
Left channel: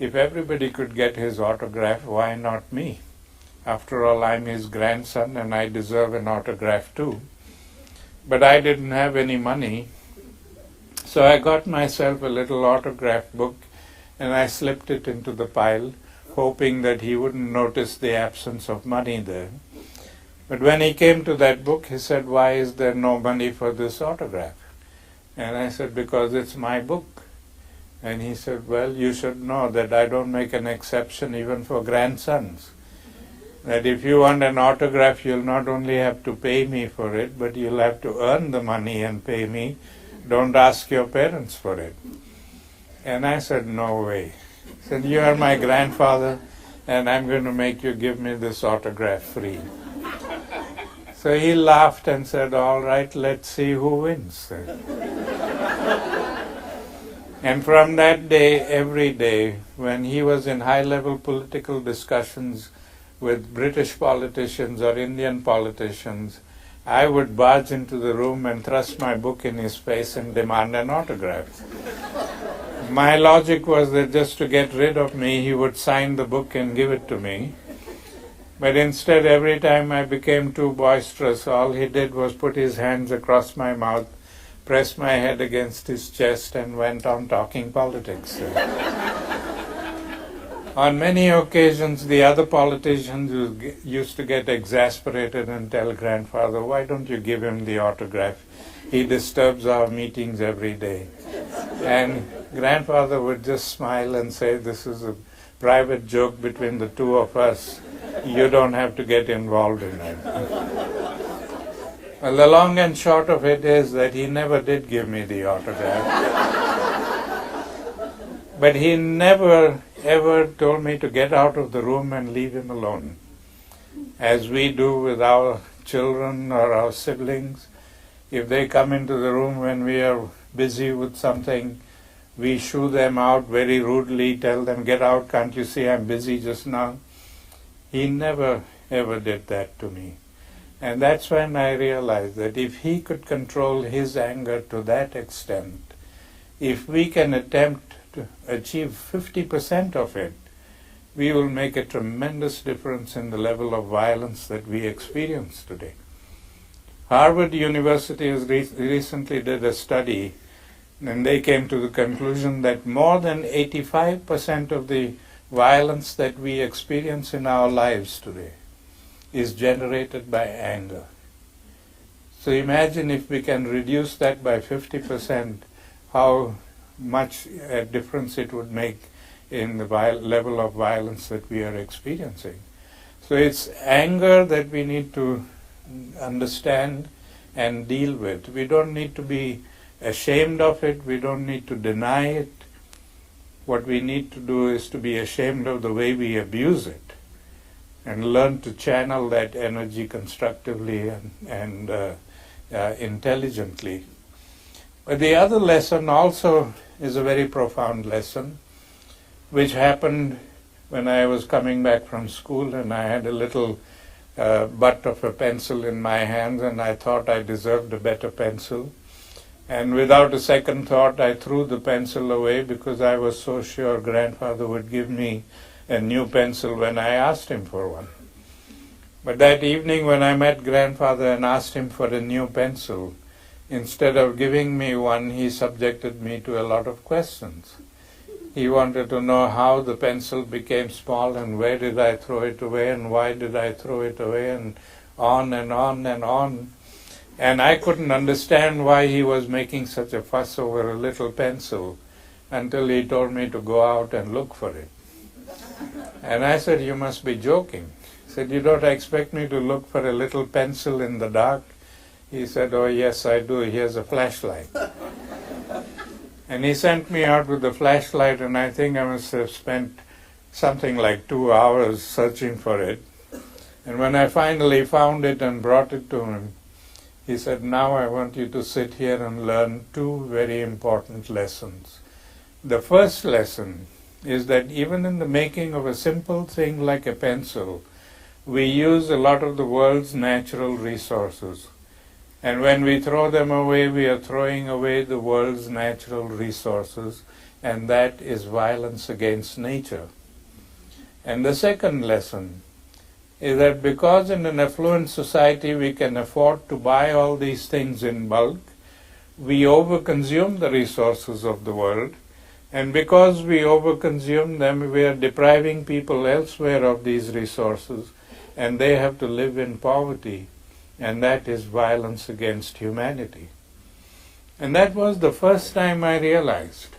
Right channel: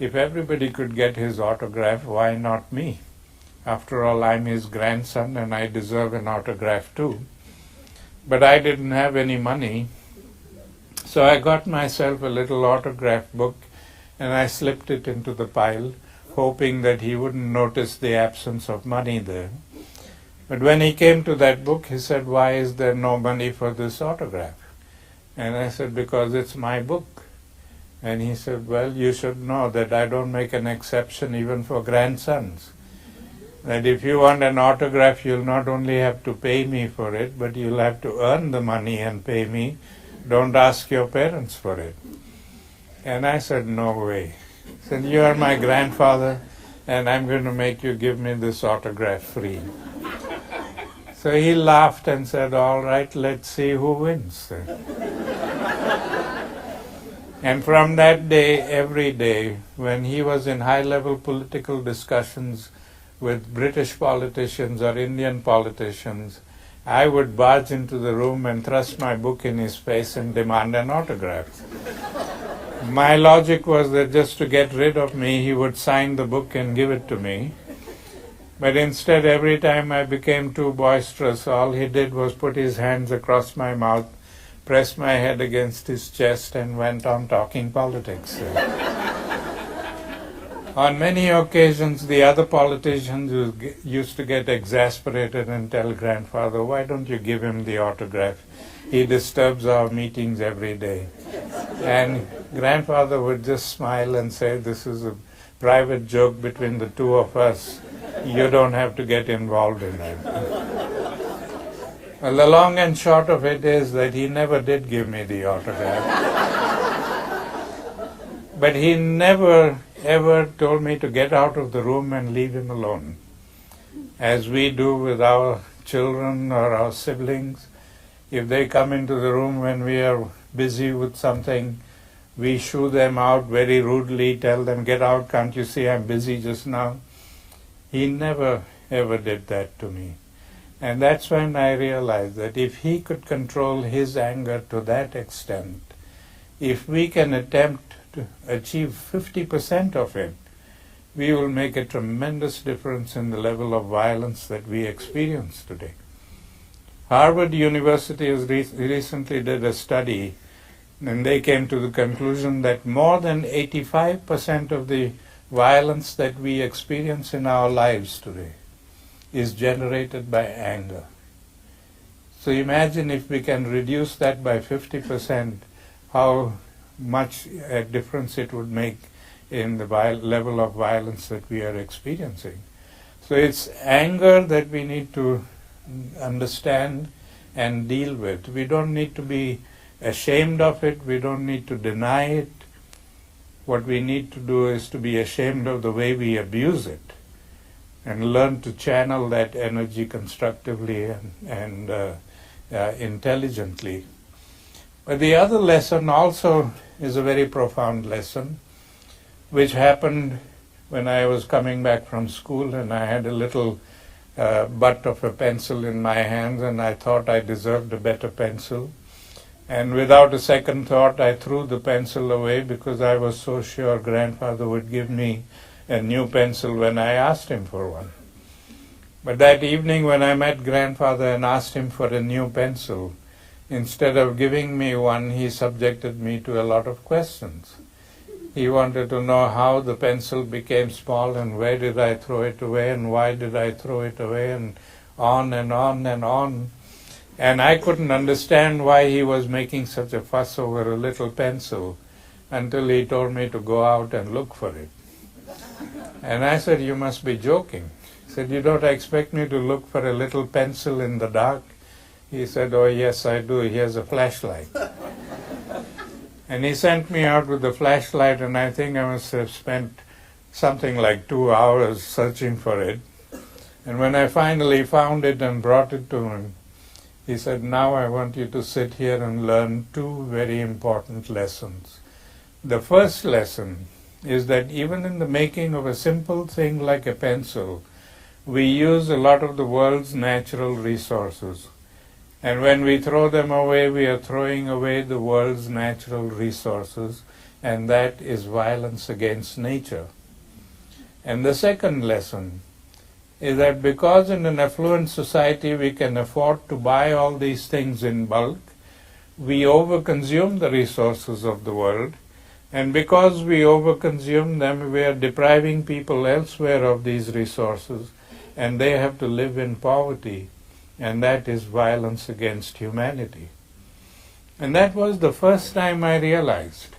if everybody could get his autograph, why not me? After all, I'm his grandson and I deserve an autograph too. But I didn't have any money, so I got myself a little autograph book and I slipped it into the pile, hoping that he wouldn't notice the absence of money there. But when he came to that book, he said, "Why is there no money for this autograph?" And I said, "Because it's my book." And he said, "Well, you should know that I don't make an exception even for grandsons. That if you want an autograph, you'll not only have to pay me for it, but you'll have to earn the money and pay me. Don't ask your parents for it." And I said, "No way." He said, "You are my grandfather, and I'm going to make you give me this autograph free." So he laughed and said, "All right, let's see who wins then." And from that day, every day, when he was in high-level political discussions with British politicians or Indian politicians, I would barge into the room and thrust my book in his face and demand an autograph. My logic was that just to get rid of me, he would sign the book and give it to me. But instead, every time I became too boisterous, all he did was put his hands across my mouth, pressed my head against his chest, and went on talking politics. On many occasions, the other politicians used to get exasperated and tell grandfather, "Why don't you give him the autograph? He disturbs our meetings every day." And grandfather would just smile and say, "This is a private joke between the two of us. You don't have to get involved in it." Well, the long and short of it is that he never did give me the autograph. But he never ever told me to get out of the room and leave him alone. As we do with our children or our siblings, if they come into the room when we are busy with something, we shoo them out very rudely, tell them, "Get out, can't you see I'm busy just now?" He never ever did that to me. And that's when I realized that if he could control his anger to that extent, if we can attempt to achieve 50% of it, we will make a tremendous difference in the level of violence that we experience today. Harvard University has recently did a study, and they came to the conclusion that more than 85% of the violence that we experience in our lives today is generated by anger. So imagine if we can reduce that by 50%, how much a difference it would make in the level of violence that we are experiencing. So it's anger that we need to understand and deal with. We don't need to be ashamed of it. We don't need to deny it. What we need to do is to be ashamed of the way we abuse it and learn to channel that energy constructively and intelligently. But the other lesson also is a very profound lesson, which happened when I was coming back from school and I had a little butt of a pencil in my hands and I thought I deserved a better pencil. And without a second thought, I threw the pencil away because I was so sure grandfather would give me a new pencil when I asked him for one. But that evening when I met grandfather and asked him for a new pencil, instead of giving me one, he subjected me to a lot of questions. He wanted to know how the pencil became small and where did I throw it away and why did I throw it away and on and on and on. And I couldn't understand why he was making such a fuss over a little pencil until he told me to go out and look for it. And I said, "You must be joking." He said, "You don't expect me to look for a little pencil in the dark?" He said, "Oh yes, I do. Here's a flashlight." And he sent me out with the flashlight, and I think I must have spent something like 2 hours searching for it. And when I finally found it and brought it to him, he said, "Now I want you to sit here and learn two very important lessons. The first lesson is that even in the making of a simple thing like a pencil, we use a lot of the world's natural resources. And when we throw them away, we are throwing away the world's natural resources, and that is violence against nature. And the second lesson is that because in an affluent society we can afford to buy all these things in bulk, we overconsume the resources of the world, and because we overconsume them, we are depriving people elsewhere of these resources, and they have to live in poverty. And that is violence against humanity. And that was the first time I realized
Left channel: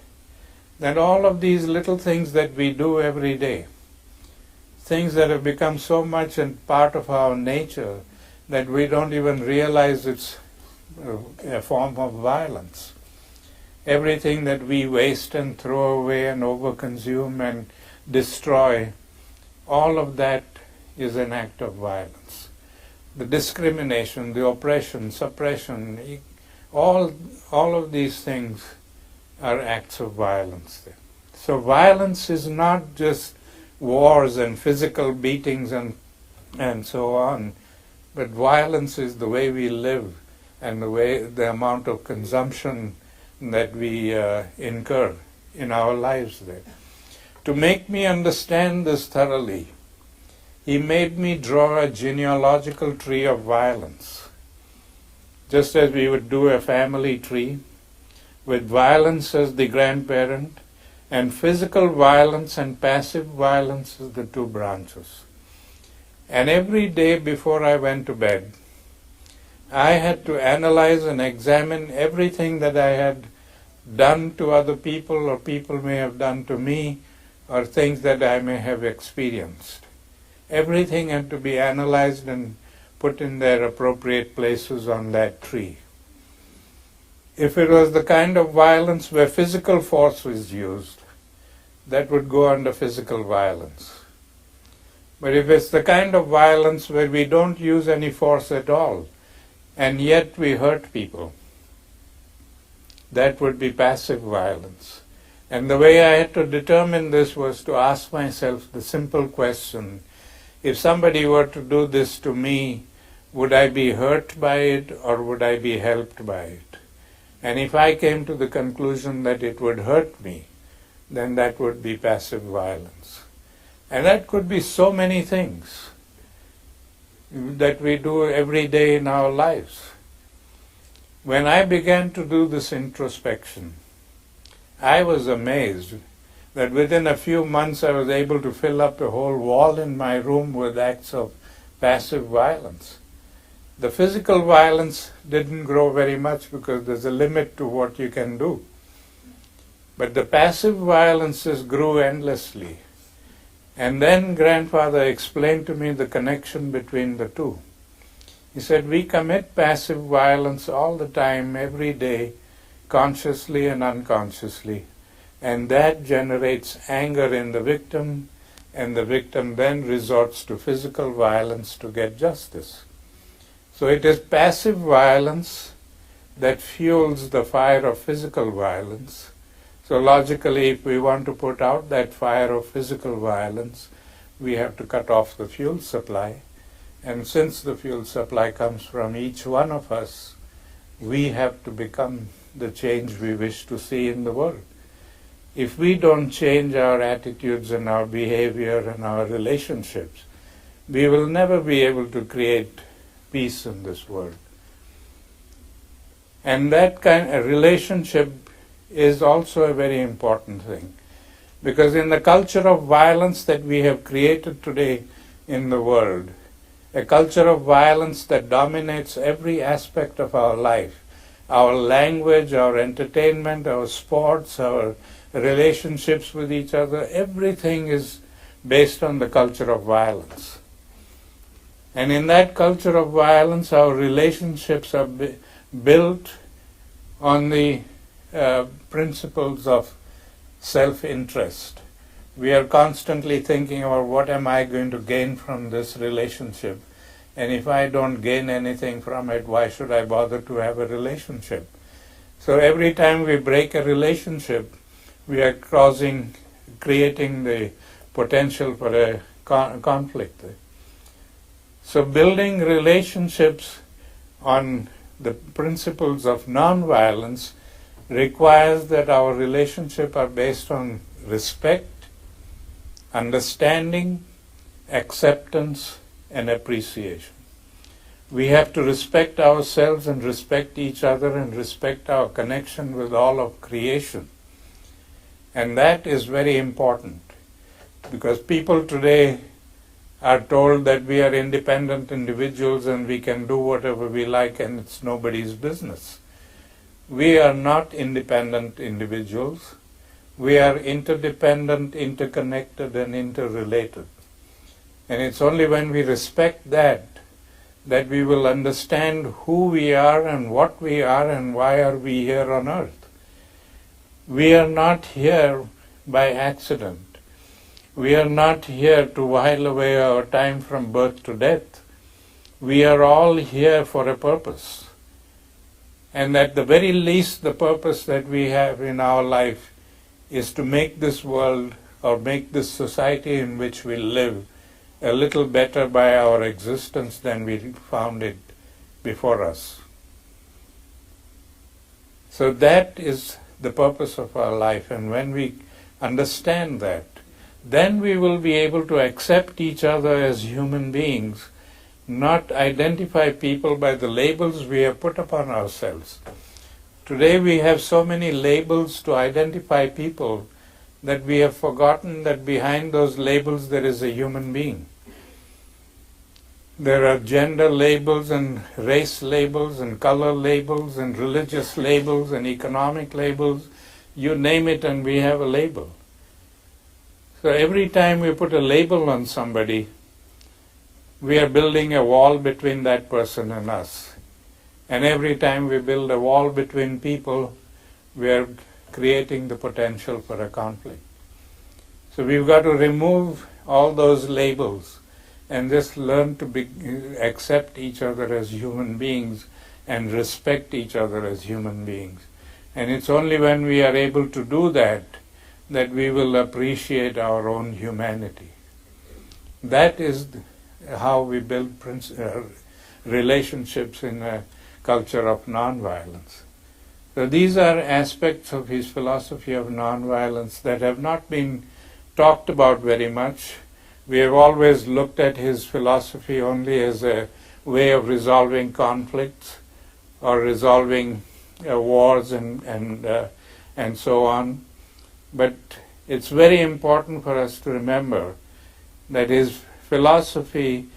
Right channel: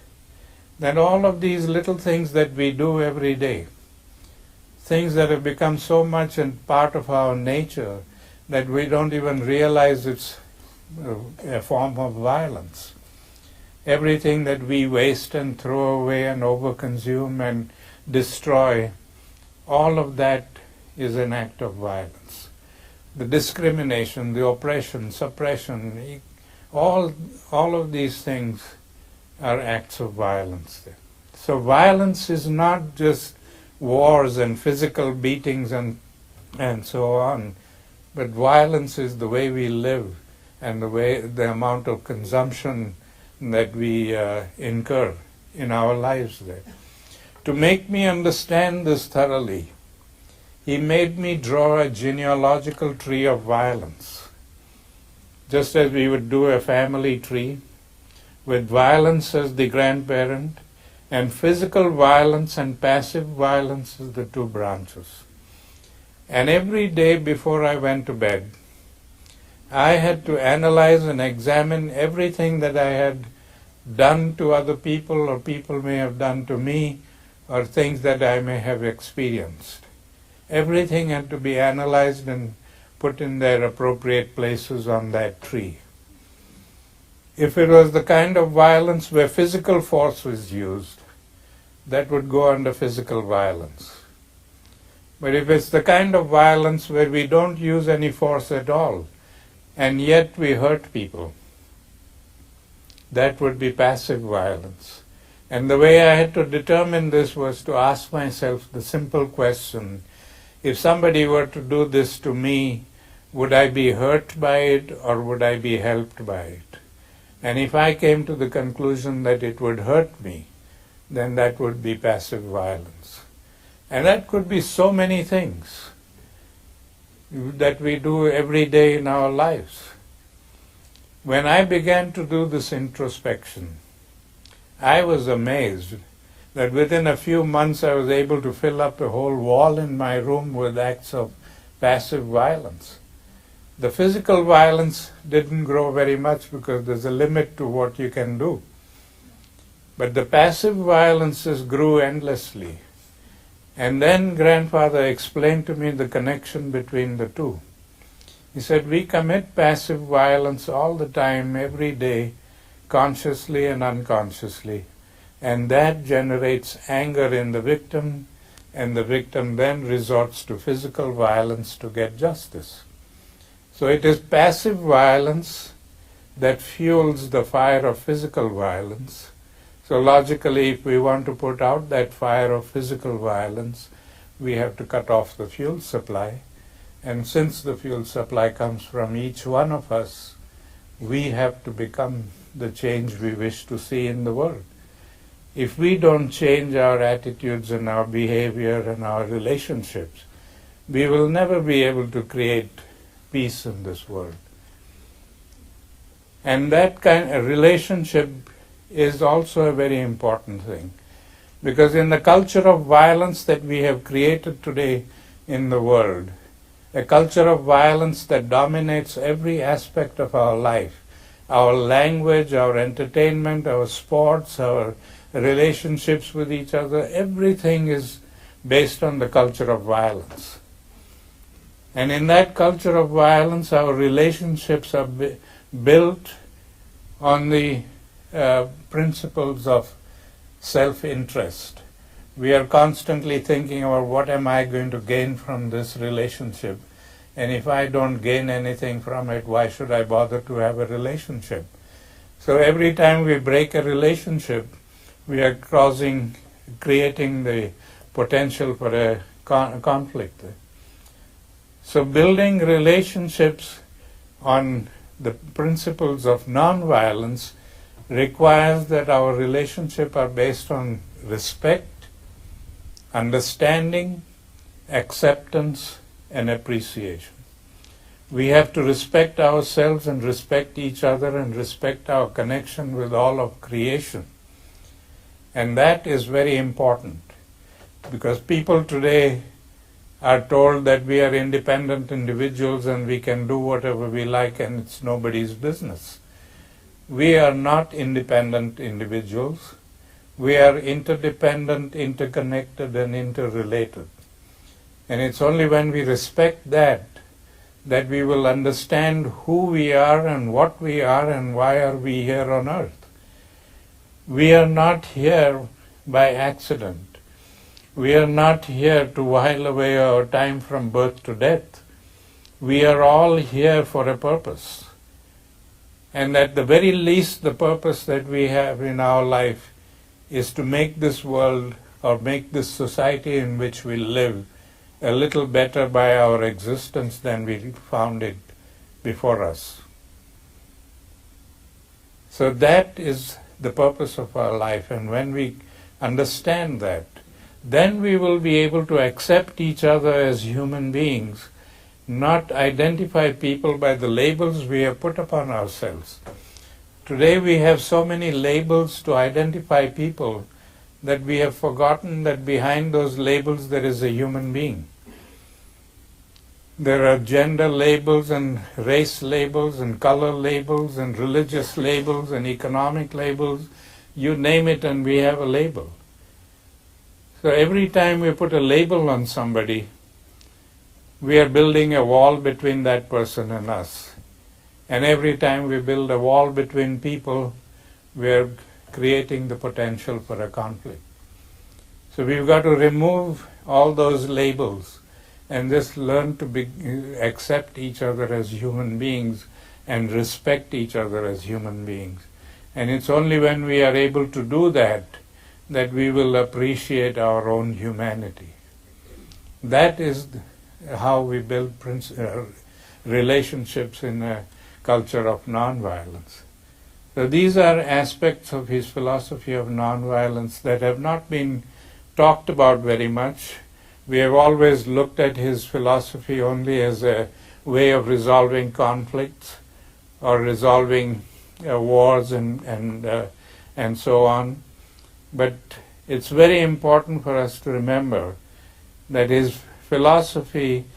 that all of these little things that we do every day, things that have become so much a part of our nature that we don't even realize it's a form of violence. Everything that we waste and throw away and overconsume and destroy, all of that is an act of violence. The discrimination, the oppression, suppression, all of these things are acts of violence. So violence is not just wars and physical beatings and so on, but violence is the way we live and the amount of consumption that we incur in our lives there. To make me understand this thoroughly, he made me draw a genealogical tree of violence, just as we would do a family tree, with violence as the grandparent, and physical violence and passive violence as the two branches. And every day before I went to bed, I had to analyze and examine everything that I had done to other people, or people may have done to me, or things that I may have experienced. Everything had to be analyzed and put in their appropriate places on that tree. If it was the kind of violence where physical force was used, that would go under physical violence. But if it's the kind of violence where we don't use any force at all, and yet we hurt people, that would be passive violence. And the way I had to determine this was to ask myself the simple question, if somebody were to do this to me, would I be hurt by it or would I be helped by it? And if I came to the conclusion that it would hurt me, then that would be passive violence. And that could be so many things that we do every day in our lives. When I began to do this introspection, I was amazed that within a few months I was able to fill up a whole wall in my room with acts of passive violence. The physical violence didn't grow very much because there's a limit to what you can do. But the passive violences grew endlessly. And then grandfather explained to me the connection between the two. He said, we commit passive violence all the time, every day, consciously and unconsciously. And that generates anger in the victim, and the victim then resorts to physical violence to get justice. So it is passive violence that fuels the fire of physical violence. So logically, if we want to put out that fire of physical violence, we have to cut off the fuel supply. And since the fuel supply comes from each one of us, we have to become the change we wish to see in the world. If we don't change our attitudes and our behavior and our relationships, we will never be able to create peace in this world. And that kind of relationship is also a very important thing. Because in the culture of violence that we have created today in the world, a culture of violence that dominates every aspect of our life, our language, our entertainment, our sports, our relationships with each other, everything is based on the culture of violence. And in that culture of violence, our relationships are built on the principles of self-interest. We are constantly thinking about what am I going to gain from this relationship, and if I don't gain anything from it, why should I bother to have a relationship? So every time we break a relationship, we are creating the potential for a conflict. So building relationships on the principles of non-violence requires that our relationships are based on respect, understanding, acceptance, and appreciation. We have to respect ourselves and respect each other and respect our connection with all of creation. And that is very important, because people today are told that we are independent individuals and we can do whatever we like and it's nobody's business. We are not independent individuals. We are interdependent, interconnected, and interrelated. And it's only when we respect that we will understand who we are and what we are and why are we here on earth. We are not here by accident. We are not here to while away our time from birth to death. We are all here for a purpose. And at the very least, the purpose that we have in our life is to make this world or make this society in which we live a little better by our existence than we found it before us. So that is the purpose of our life. And when we understand that, then we will be able to accept each other as human beings, not identify people by the labels we have put upon ourselves. Today we have so many labels to identify people that we have forgotten that behind those labels there is a human being. There are gender labels and race labels and color labels and religious labels and economic labels. You name it and we have a label. So every time we put a label on somebody, we are building a wall between that person and us. And every time we build a wall between people, we are creating the potential for a conflict. So we've got to remove all those labels and just learn to accept each other as human beings and respect each other as human beings. And it's only when we are able to do that that we will appreciate our own humanity. That is how we build relationships in a culture of nonviolence. So these are aspects of his philosophy of nonviolence that have not been talked about very much. We have always looked at his philosophy only as a way of resolving conflicts or resolving wars and so on. But it's very important for us to remember that his philosophy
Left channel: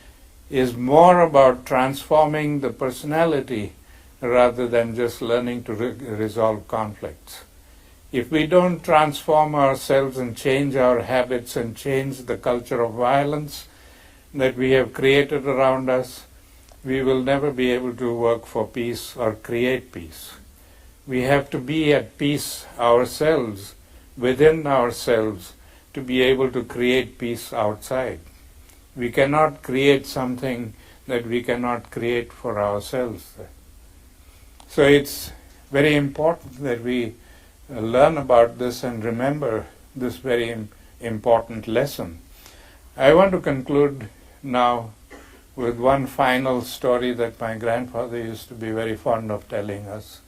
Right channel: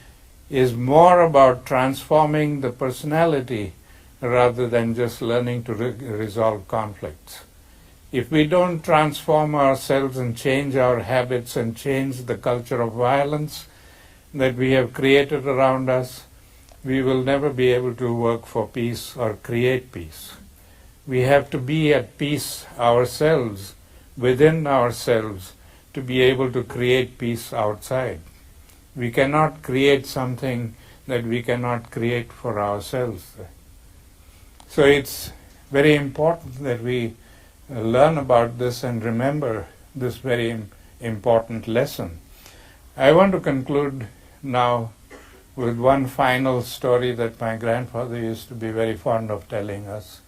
is more about transforming the personality rather than just learning to resolve conflicts. If we don't transform ourselves and change our habits and change the culture of violence that we have created around us, we will never be able to work for peace or create peace. We have to be at peace ourselves, within ourselves, to be able to create peace outside. We cannot create something that we cannot create for ourselves. So it's very important that we learn about this and remember this very important lesson. I want to conclude now with one final story that my grandfather used to be very fond of telling us.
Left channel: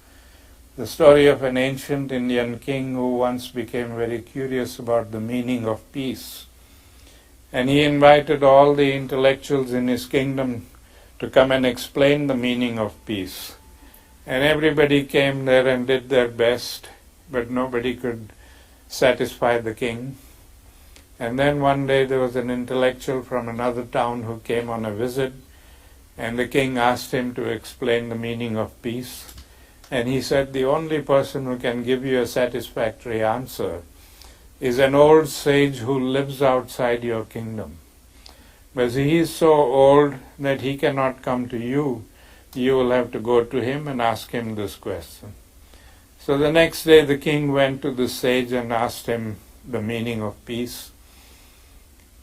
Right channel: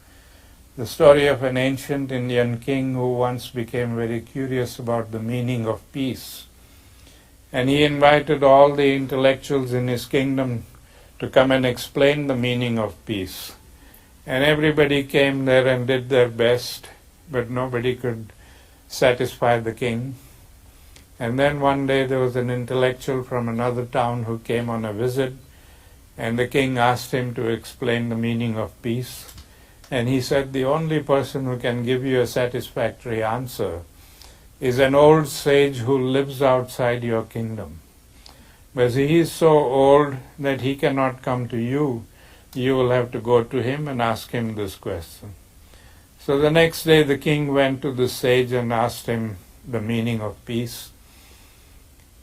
The story of an ancient Indian king who once became very curious about the meaning of peace. And he invited all the intellectuals in his kingdom to come and explain the meaning of peace. And everybody came there and did their best, but nobody could satisfy the king. And then one day there was an intellectual from another town who came on a visit, and the king asked him to explain the meaning of peace. And he said, the only person who can give you a satisfactory answer is an old sage who lives outside your kingdom. But he is so old that he cannot come to you. You will have to go to him and ask him this question. So the next day the king went to the sage and asked him the meaning of peace.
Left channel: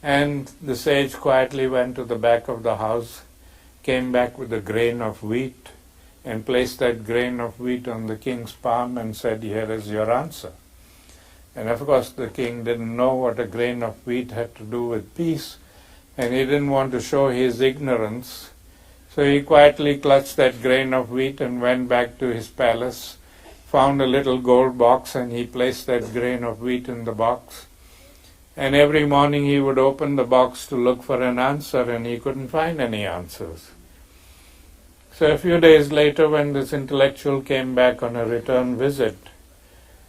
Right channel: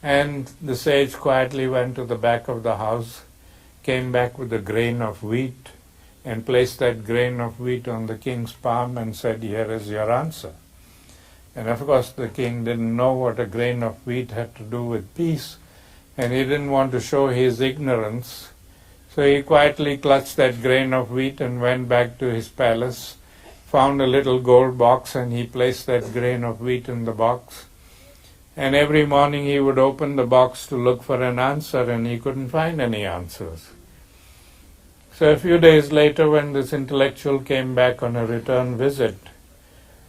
And the sage quietly went to the back of the house, came back with a grain of wheat, and placed that grain of wheat on the king's palm and said, here is your answer. And of course the king didn't know what a grain of wheat had to do with peace, and he didn't want to show his ignorance. So he quietly clutched that grain of wheat and went back to his palace, found a little gold box, and he placed that grain of wheat in the box. And every morning he would open the box to look for an answer, and he couldn't find any answers. So a few days later, when this intellectual came back on a return visit,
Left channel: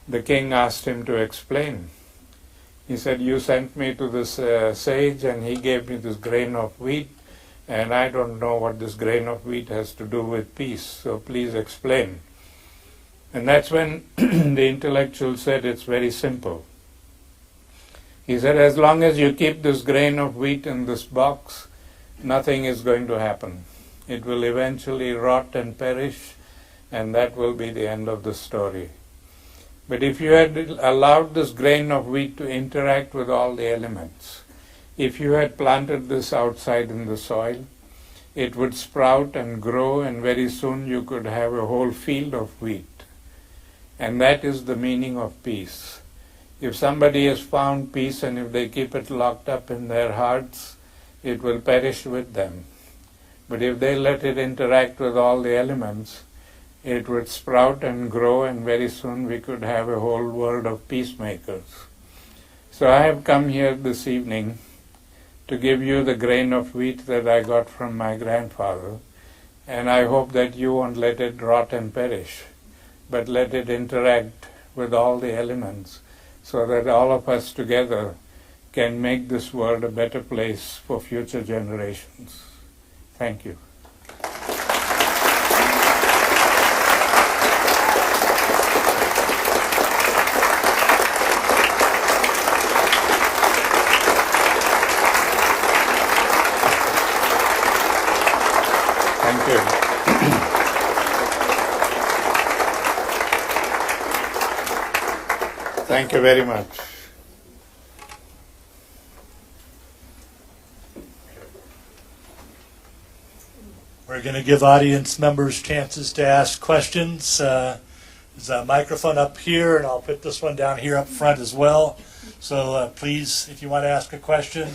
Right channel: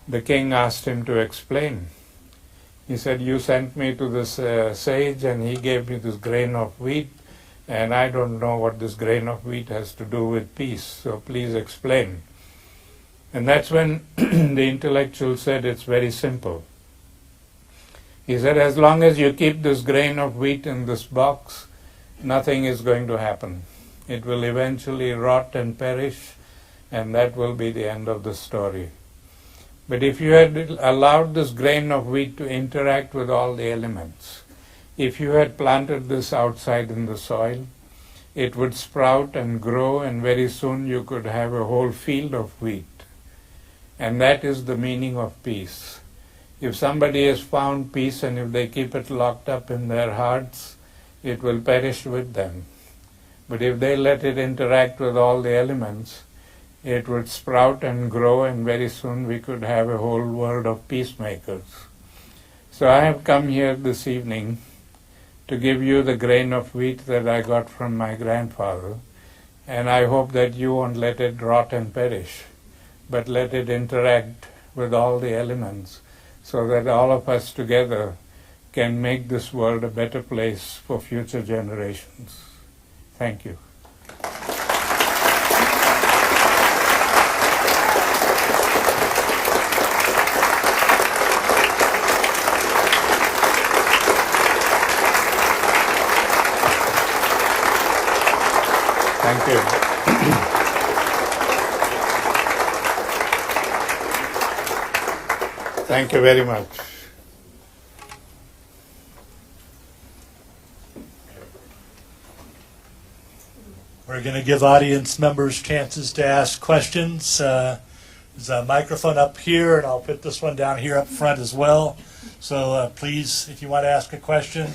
the king asked him to explain. He said, you sent me to this sage and he gave me this grain of wheat, and I don't know what this grain of wheat has to do with peace, so please explain. And that's when the intellectual said, it's very simple. He said, as long as you keep this grain of wheat in this box, nothing is going to happen. It will eventually rot and perish, and that will be the end of the story. But if you had allowed this grain of wheat to interact with all the elements, if you had planted this outside in the soil, it would sprout and grow, and very soon you could have a whole field of wheat. And that is the meaning of peace. If somebody has found peace and if they keep it locked up in their hearts, it will perish with them. But if they let it interact with all the elements, it would sprout and grow, and very soon we could have a whole world of peacemakers. So I have come here this evening to give you the grain of wheat that I got from my grandfather, and I hope that you won't let it rot and perish, but let it interact with all the elements so that all of us together can make this world a better place for future generations. Thank you. Thank you. Thank you very much. We're going to give audience members chances to ask questions. There's a microphone up here, and I'll put this one down here up front as well. So please, if you want to ask a question,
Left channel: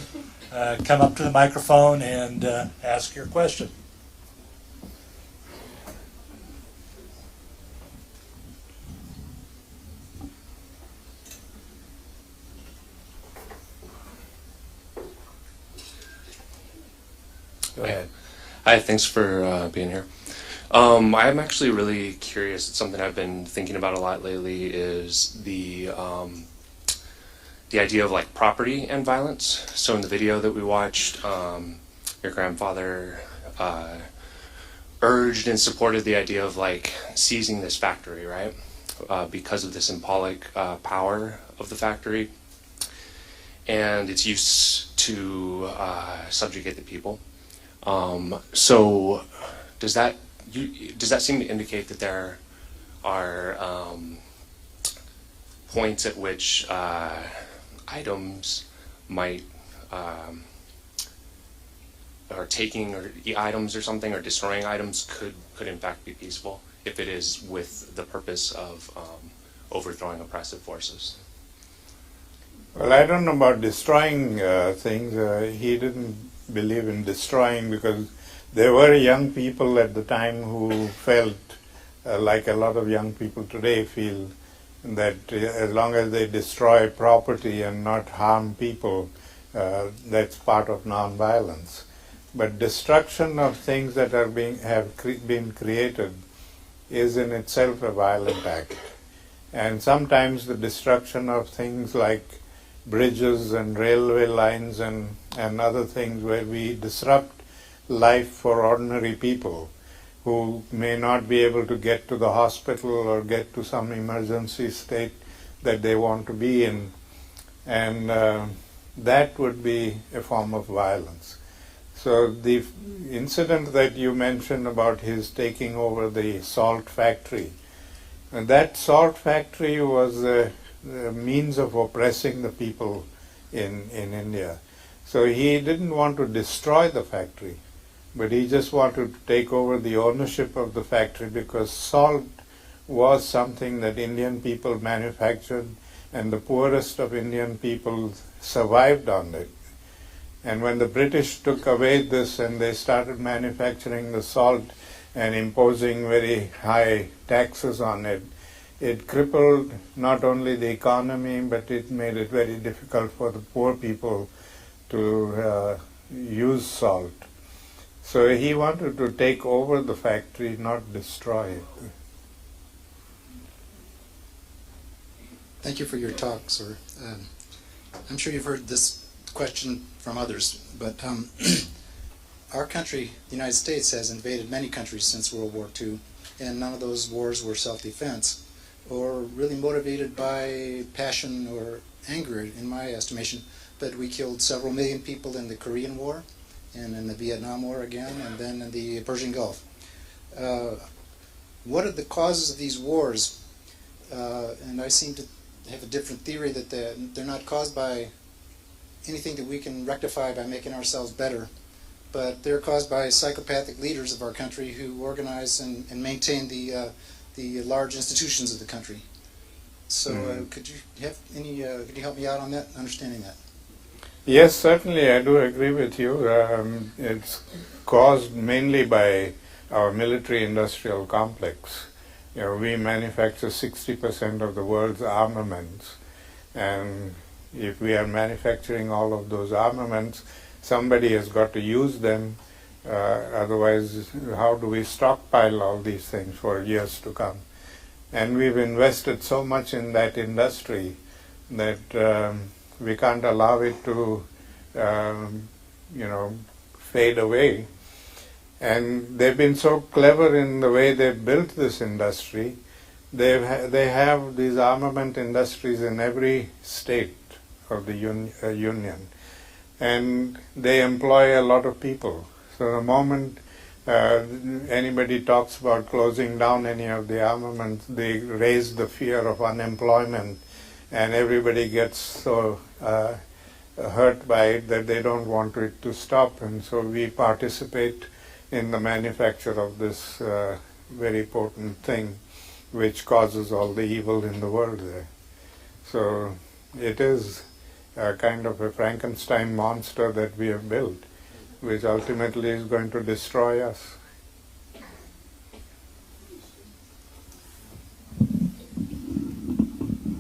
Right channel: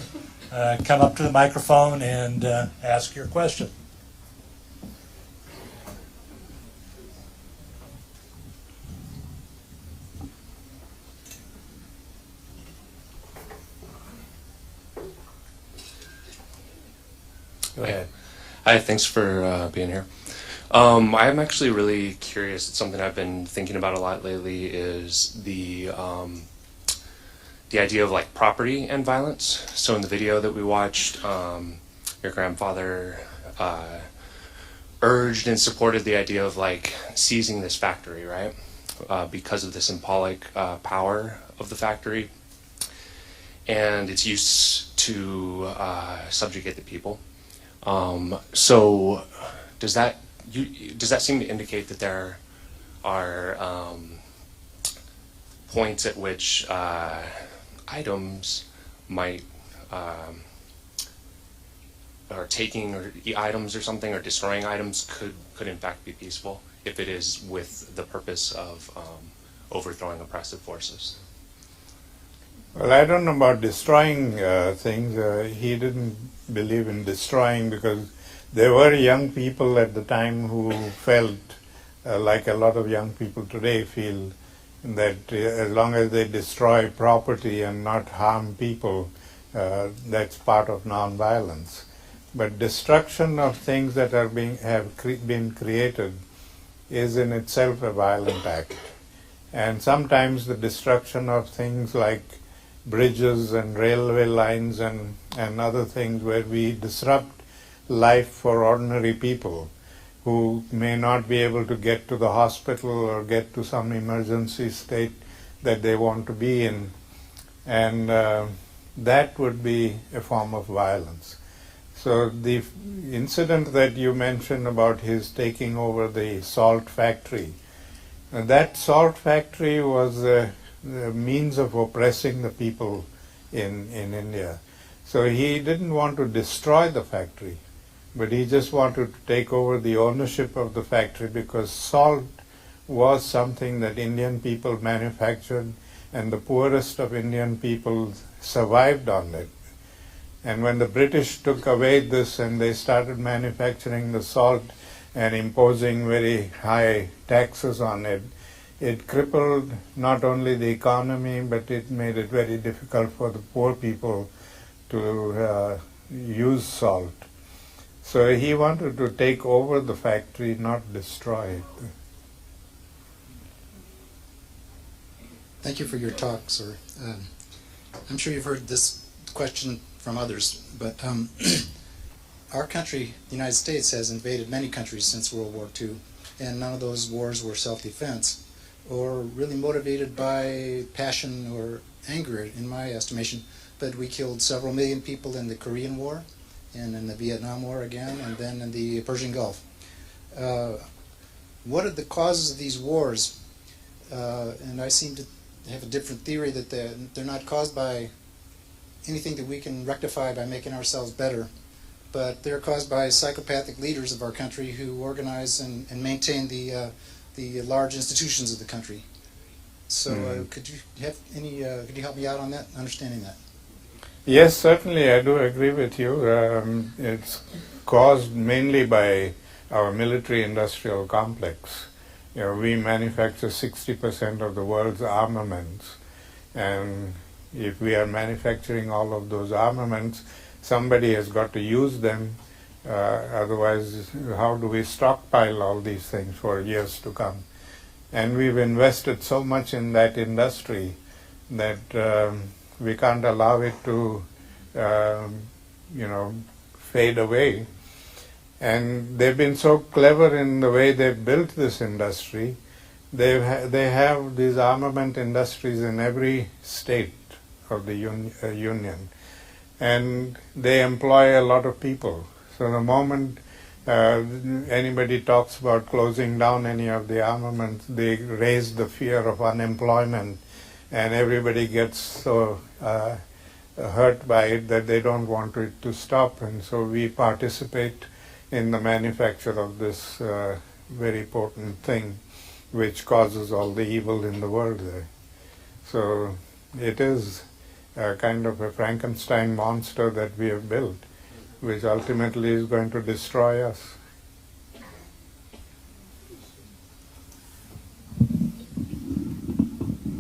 come up to the microphone and ask your question. Go ahead. Hi, thanks for being here. I'm actually really curious. It's something I've been thinking about a lot lately. Is the idea of like property and violence. So in the video that we watched, your grandfather urged and supported the idea of like seizing this factory, right? Because of the symbolic power of the factory and its use to subjugate the people. So does that seem to indicate that there are points at which items might or taking or items or something or destroying items could in fact be peaceful if it is with the purpose of overthrowing oppressive forces? Well, I don't know about destroying things. He didn't believe in destroying because there were young people at the time who felt like a lot of young people today feel that as long as they destroy property and not harm people, that's part of nonviolence. But destruction of things that have been created is in itself a violent act. And sometimes the destruction of things like bridges and railway lines and other things where we disrupt life for ordinary people who may not be able to get to the hospital or get to some emergency state that they want to be in. And that would be a form of violence. So the incident that you mentioned about his taking over the salt factory, that salt factory was a means of oppressing the people in India. So he didn't want to destroy the factory, but he just wanted to take over the ownership of the factory because salt was something that Indian people manufactured and the poorest of Indian people survived on it. And when the British took away this and they started manufacturing the salt and imposing very high taxes on it, it crippled not only the economy, but it made it very difficult for the poor people to use salt. So he wanted to take over the factory, not destroy it. Thank you for your talk, sir. I'm sure you've heard this question from others, but our country, the United States, has invaded many countries since World War II, and none of those wars were self-defense or really motivated by passion or anger, in my estimation. But we killed several million people in the Korean War, and in the Vietnam War again, and then in the Persian Gulf. What are the causes of these wars? And I seem to have a different theory that they're not caused by anything that we can rectify by making ourselves better, but they're caused by psychopathic leaders of our country who organize and maintain the large institutions of the country. So could you help me out on that, understanding that? Yes, certainly I do agree with you. It's caused mainly by our military-industrial complex. we manufacture 60% of the world's armaments, and if we are manufacturing all of those armaments, somebody has got to use them. Otherwise, how do we stockpile all these things for years to come? And we've invested so much in that industry that we can't allow it to, fade away. And they've been so clever in the way they've built this industry. They have these armament industries in every state of the union, and they employ a lot of people. So the moment anybody talks about closing down any of the armaments, they raise the fear of unemployment, and everybody gets so hurt by it that they don't want it to stop. And so we participate in the manufacture of this very potent thing, which causes all the evil in the world there. So it is a kind of a Frankenstein monster that we have built, which ultimately is going to destroy us.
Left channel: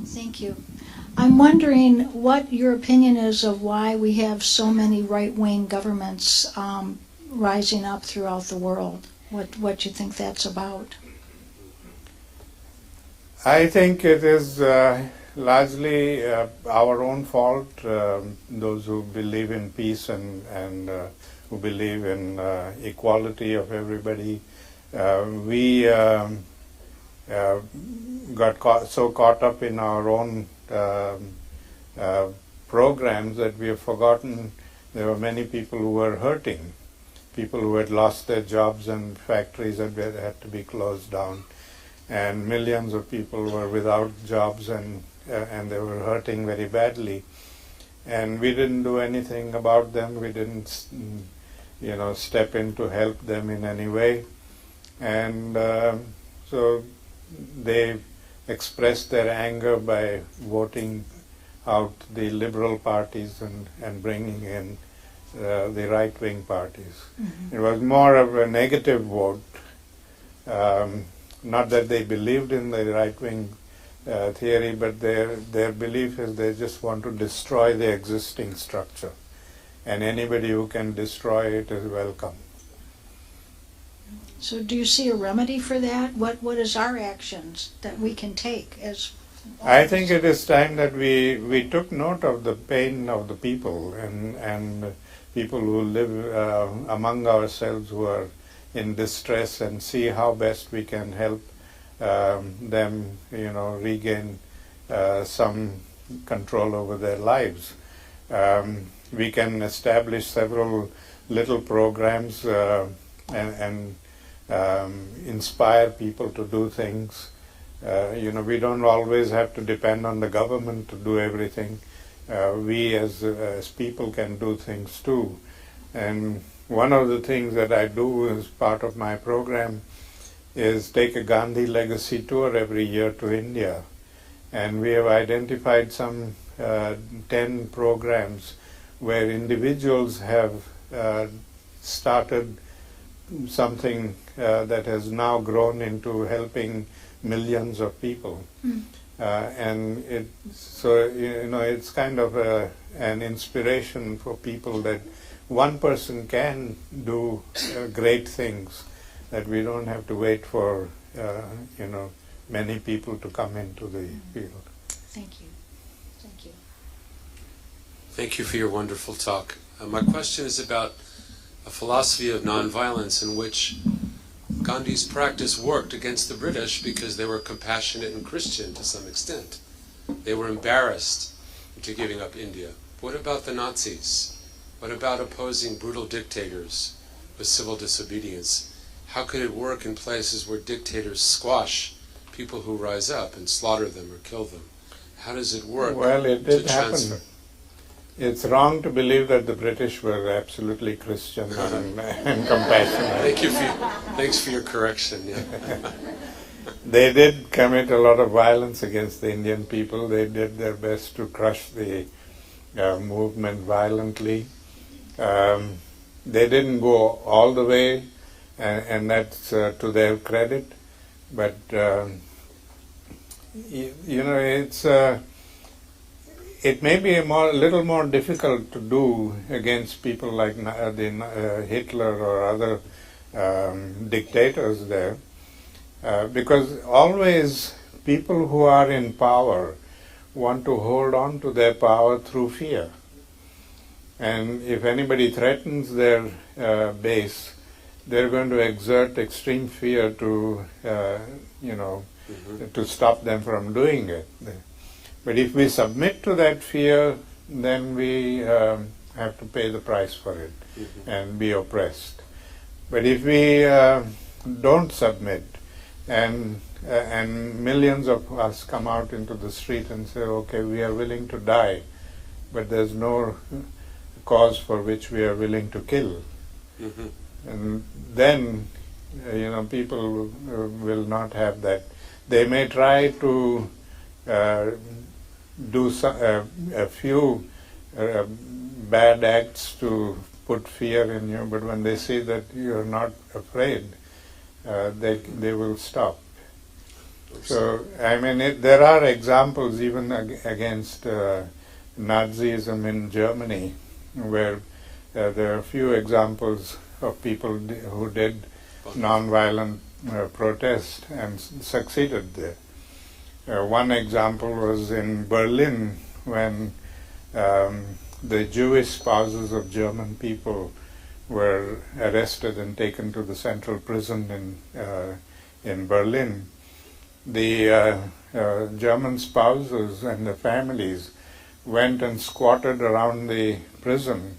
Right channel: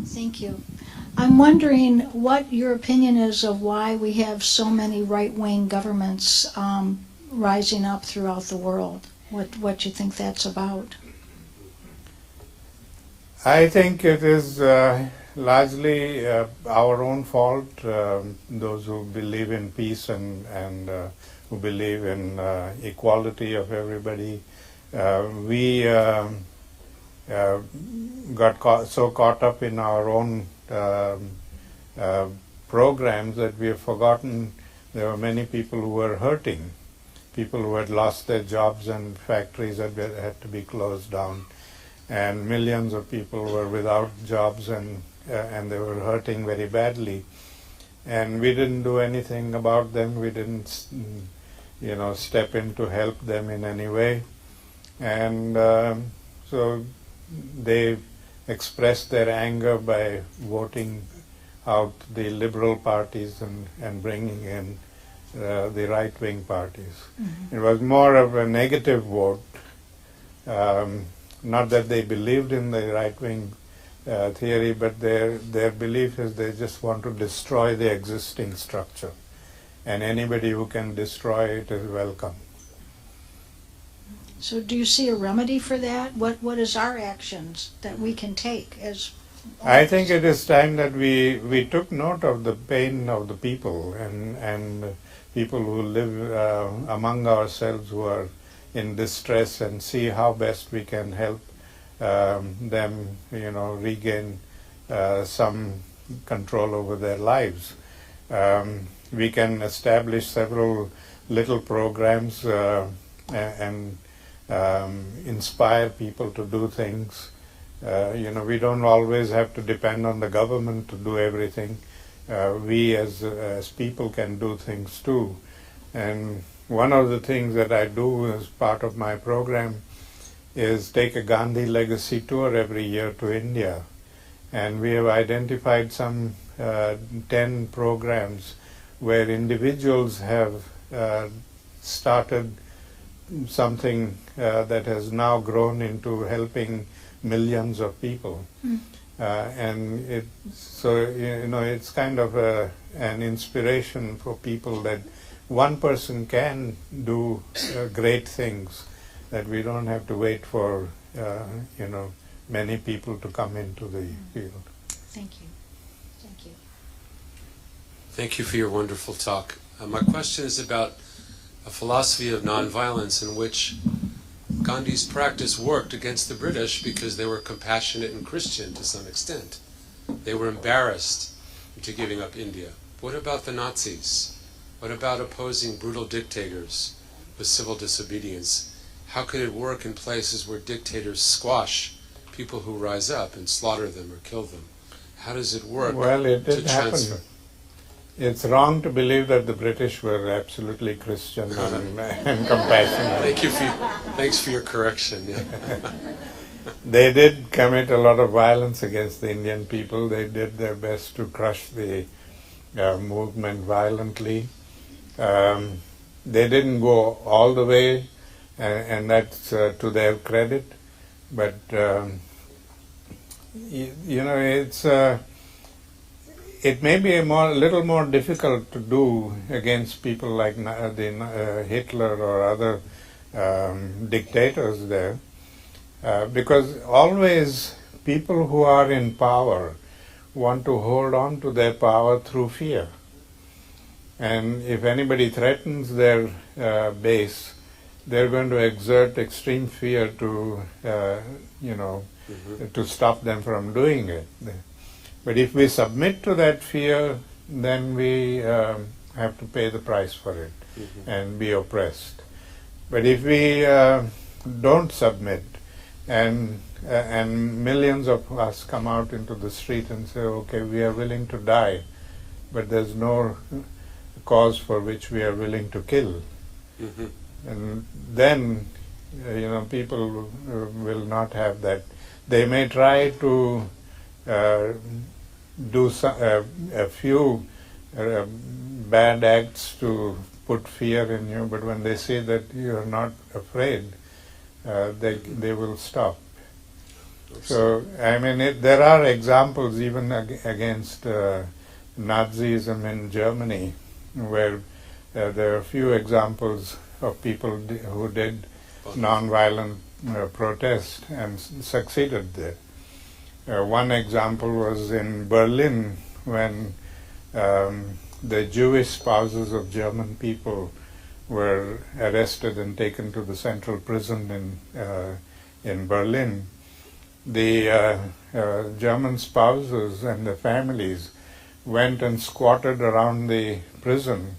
Thank you. I'm wondering what your opinion is of why we have so many right-wing governments rising up throughout the world. What you think that's about? I think it is largely our own fault, those who believe in peace and who believe in equality of everybody. We got so caught up in our own programs that we have forgotten there were many people who were hurting, people who had lost their jobs and factories that had to be closed down, and millions of people were without jobs and they were hurting very badly. And we didn't do anything about them. We didn't, step in to help them in any way. And so they expressed their anger by voting out the liberal parties and bringing in the right-wing parties. Mm-hmm. It was more of a negative vote. Not that they believed in the right-wing theory, but their belief is they just want to destroy the existing structure. And anybody who can destroy it is welcome. So do you see a remedy for that? What is our actions that we can take as I think it is time that we took note of the pain of the people and people who live among ourselves who are in distress, and see how best we can help them, regain some control over their lives. We can establish several little programs and inspire people to do things. We don't always have to depend on the government to do everything. We as people can do things too. And one of the things that I do as part of my program is take a Gandhi legacy tour every year to India. And we have identified some 10 programs where individuals have started something that has now grown into helping millions of people. And it's kind of an inspiration for people that one person can do great things, that we don't have to wait for many people to come into the field. Thank you. Thank you. Thank you for your wonderful talk. My question is about a philosophy of nonviolence in which Gandhi's practice worked against the British because they were compassionate and Christian to some extent. They were embarrassed into giving up India. What about the Nazis? What about opposing brutal dictators with civil disobedience? How could it work in places where dictators squash people who rise up and slaughter them or kill them? How does it work? Well, it did to transfer? happen. It's wrong to believe that the British were absolutely Christian and compassionate. Thanks for your correction. Yeah. They did commit a lot of violence against the Indian people. They did their best to crush the movement violently. They didn't go all the way, and that's to their credit. But it may be a little more difficult to do against people like Hitler or other dictators there, because always people who are in power want to hold on to their power through fear. And if anybody threatens their base, they're going to exert extreme fear to, to stop them from doing it. But if we submit to that fear, then we have to pay the price for it and be oppressed. But if we don't submit, and millions of us come out into the street and say, okay, we are willing to die, but there's no cause for which we are willing to kill. And then, people will not have that. They may try to do a few bad acts to put fear in you, but when they see that you're not afraid, they will stop. So, I mean, there are examples even against Nazism in Germany, where there are a few examples of people who did nonviolent protest and succeeded there. One example was in Berlin, when the Jewish spouses of German people were arrested and taken to the central prison in Berlin. The German spouses and the families went and squatted around the prison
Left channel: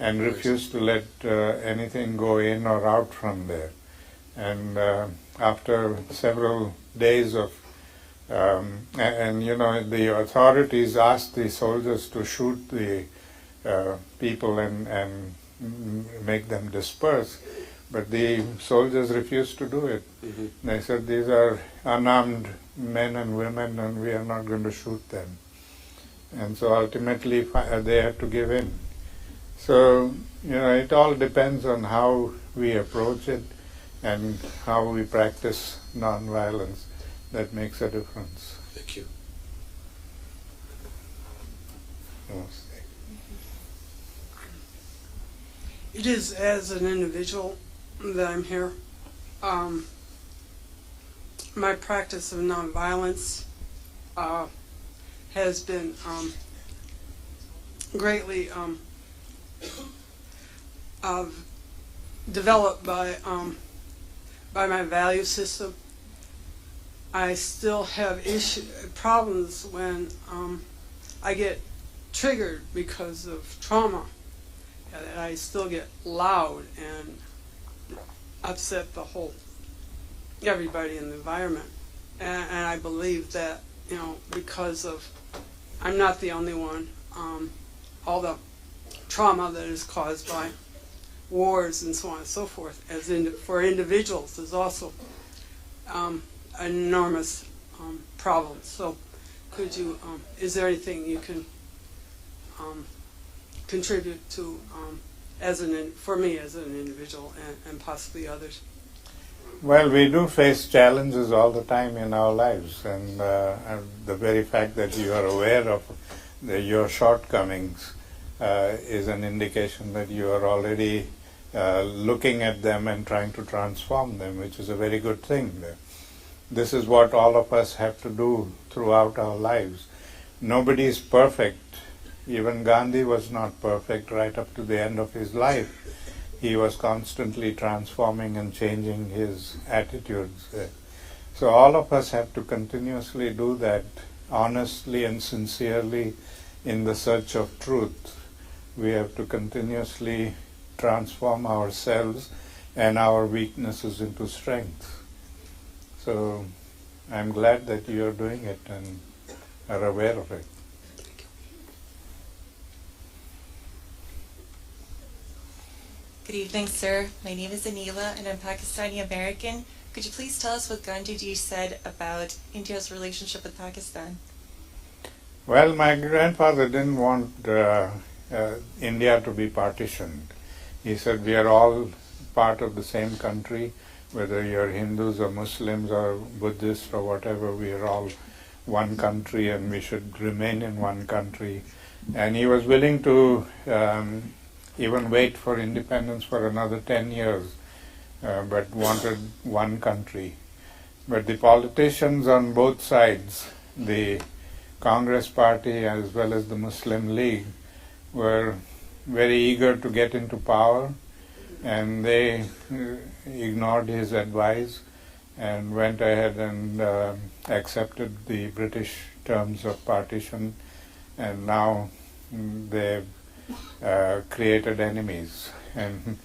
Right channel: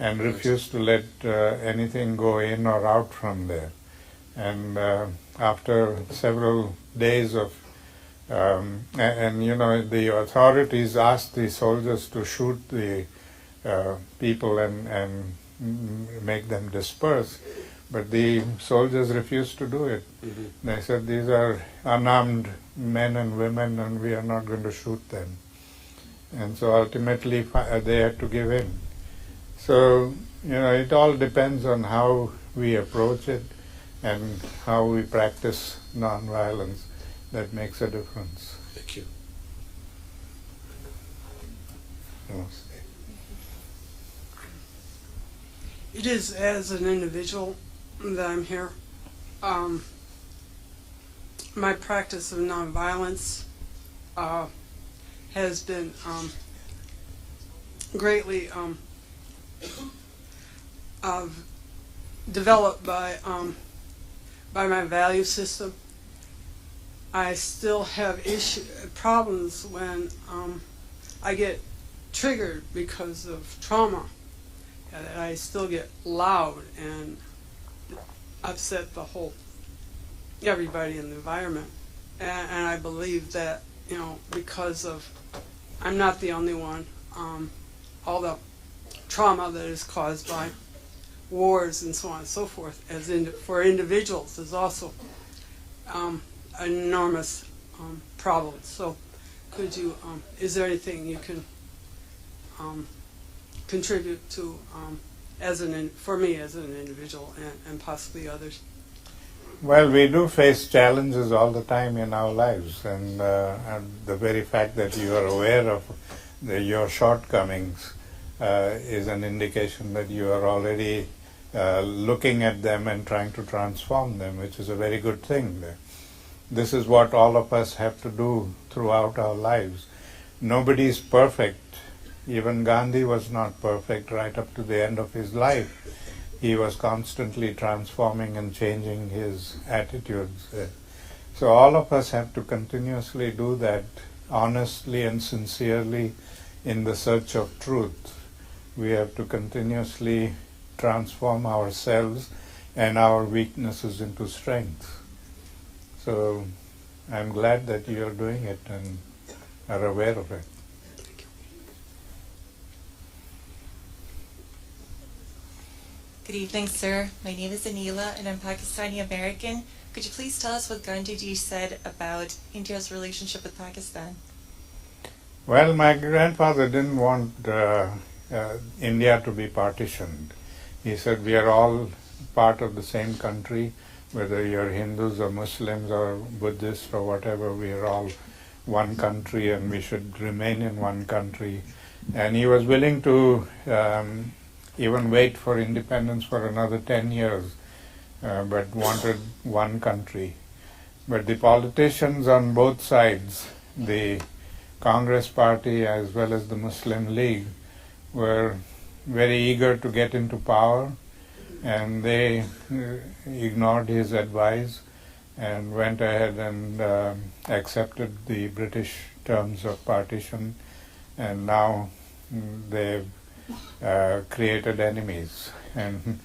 and refused to let anything go in or out from there. And after several days of the authorities asked the soldiers to shoot the people and make them disperse, but the soldiers refused to do it. They said, these are unarmed men and women, and we are not going to shoot them. And so ultimately they had to give in. So, it all depends on how we approach it and how we practice nonviolence. That makes a difference. Thank you. It is as an individual that I'm here. My practice of nonviolence has been greatly developed by my value system. I still have problems when I get triggered because of trauma. I still get loud and upset everybody in the environment. And I believe that, because of, I'm not the only one, all the trauma that is caused by wars and so on and so forth, for individuals, is also an enormous problem. So could you, is there anything you can contribute to for me as an individual and possibly others? Well, we do face challenges all the time in our lives, and the very fact that you are aware of your shortcomings is an indication that you are already looking at them and trying to transform them, which is a very good thing. This is what all of us have to do throughout our lives. Nobody is perfect. Even Gandhi was not perfect right up to the end of his life. He was constantly transforming and changing his attitudes. So all of us have to continuously do that, honestly and sincerely, in the search of truth. We have to continuously transform ourselves and our weaknesses into strength. So I'm glad that you are doing it and are aware of it. Good evening, sir. My name is Anila, and I'm Pakistani American. Could you please tell us what Gandhiji said about India's relationship with Pakistan? Well, my grandfather didn't want India to be partitioned. He said we are all part of the same country. whether you're Hindus or Muslims or Buddhists or whatever, we are all one country and we should remain in one country. And he was willing to even wait for independence for another 10 years, but wanted one country. But the politicians on both sides, the Congress Party as well as the Muslim League, were very eager to get into power, and they ignored his advice and went ahead and accepted the British terms of partition, and now they've created enemies. And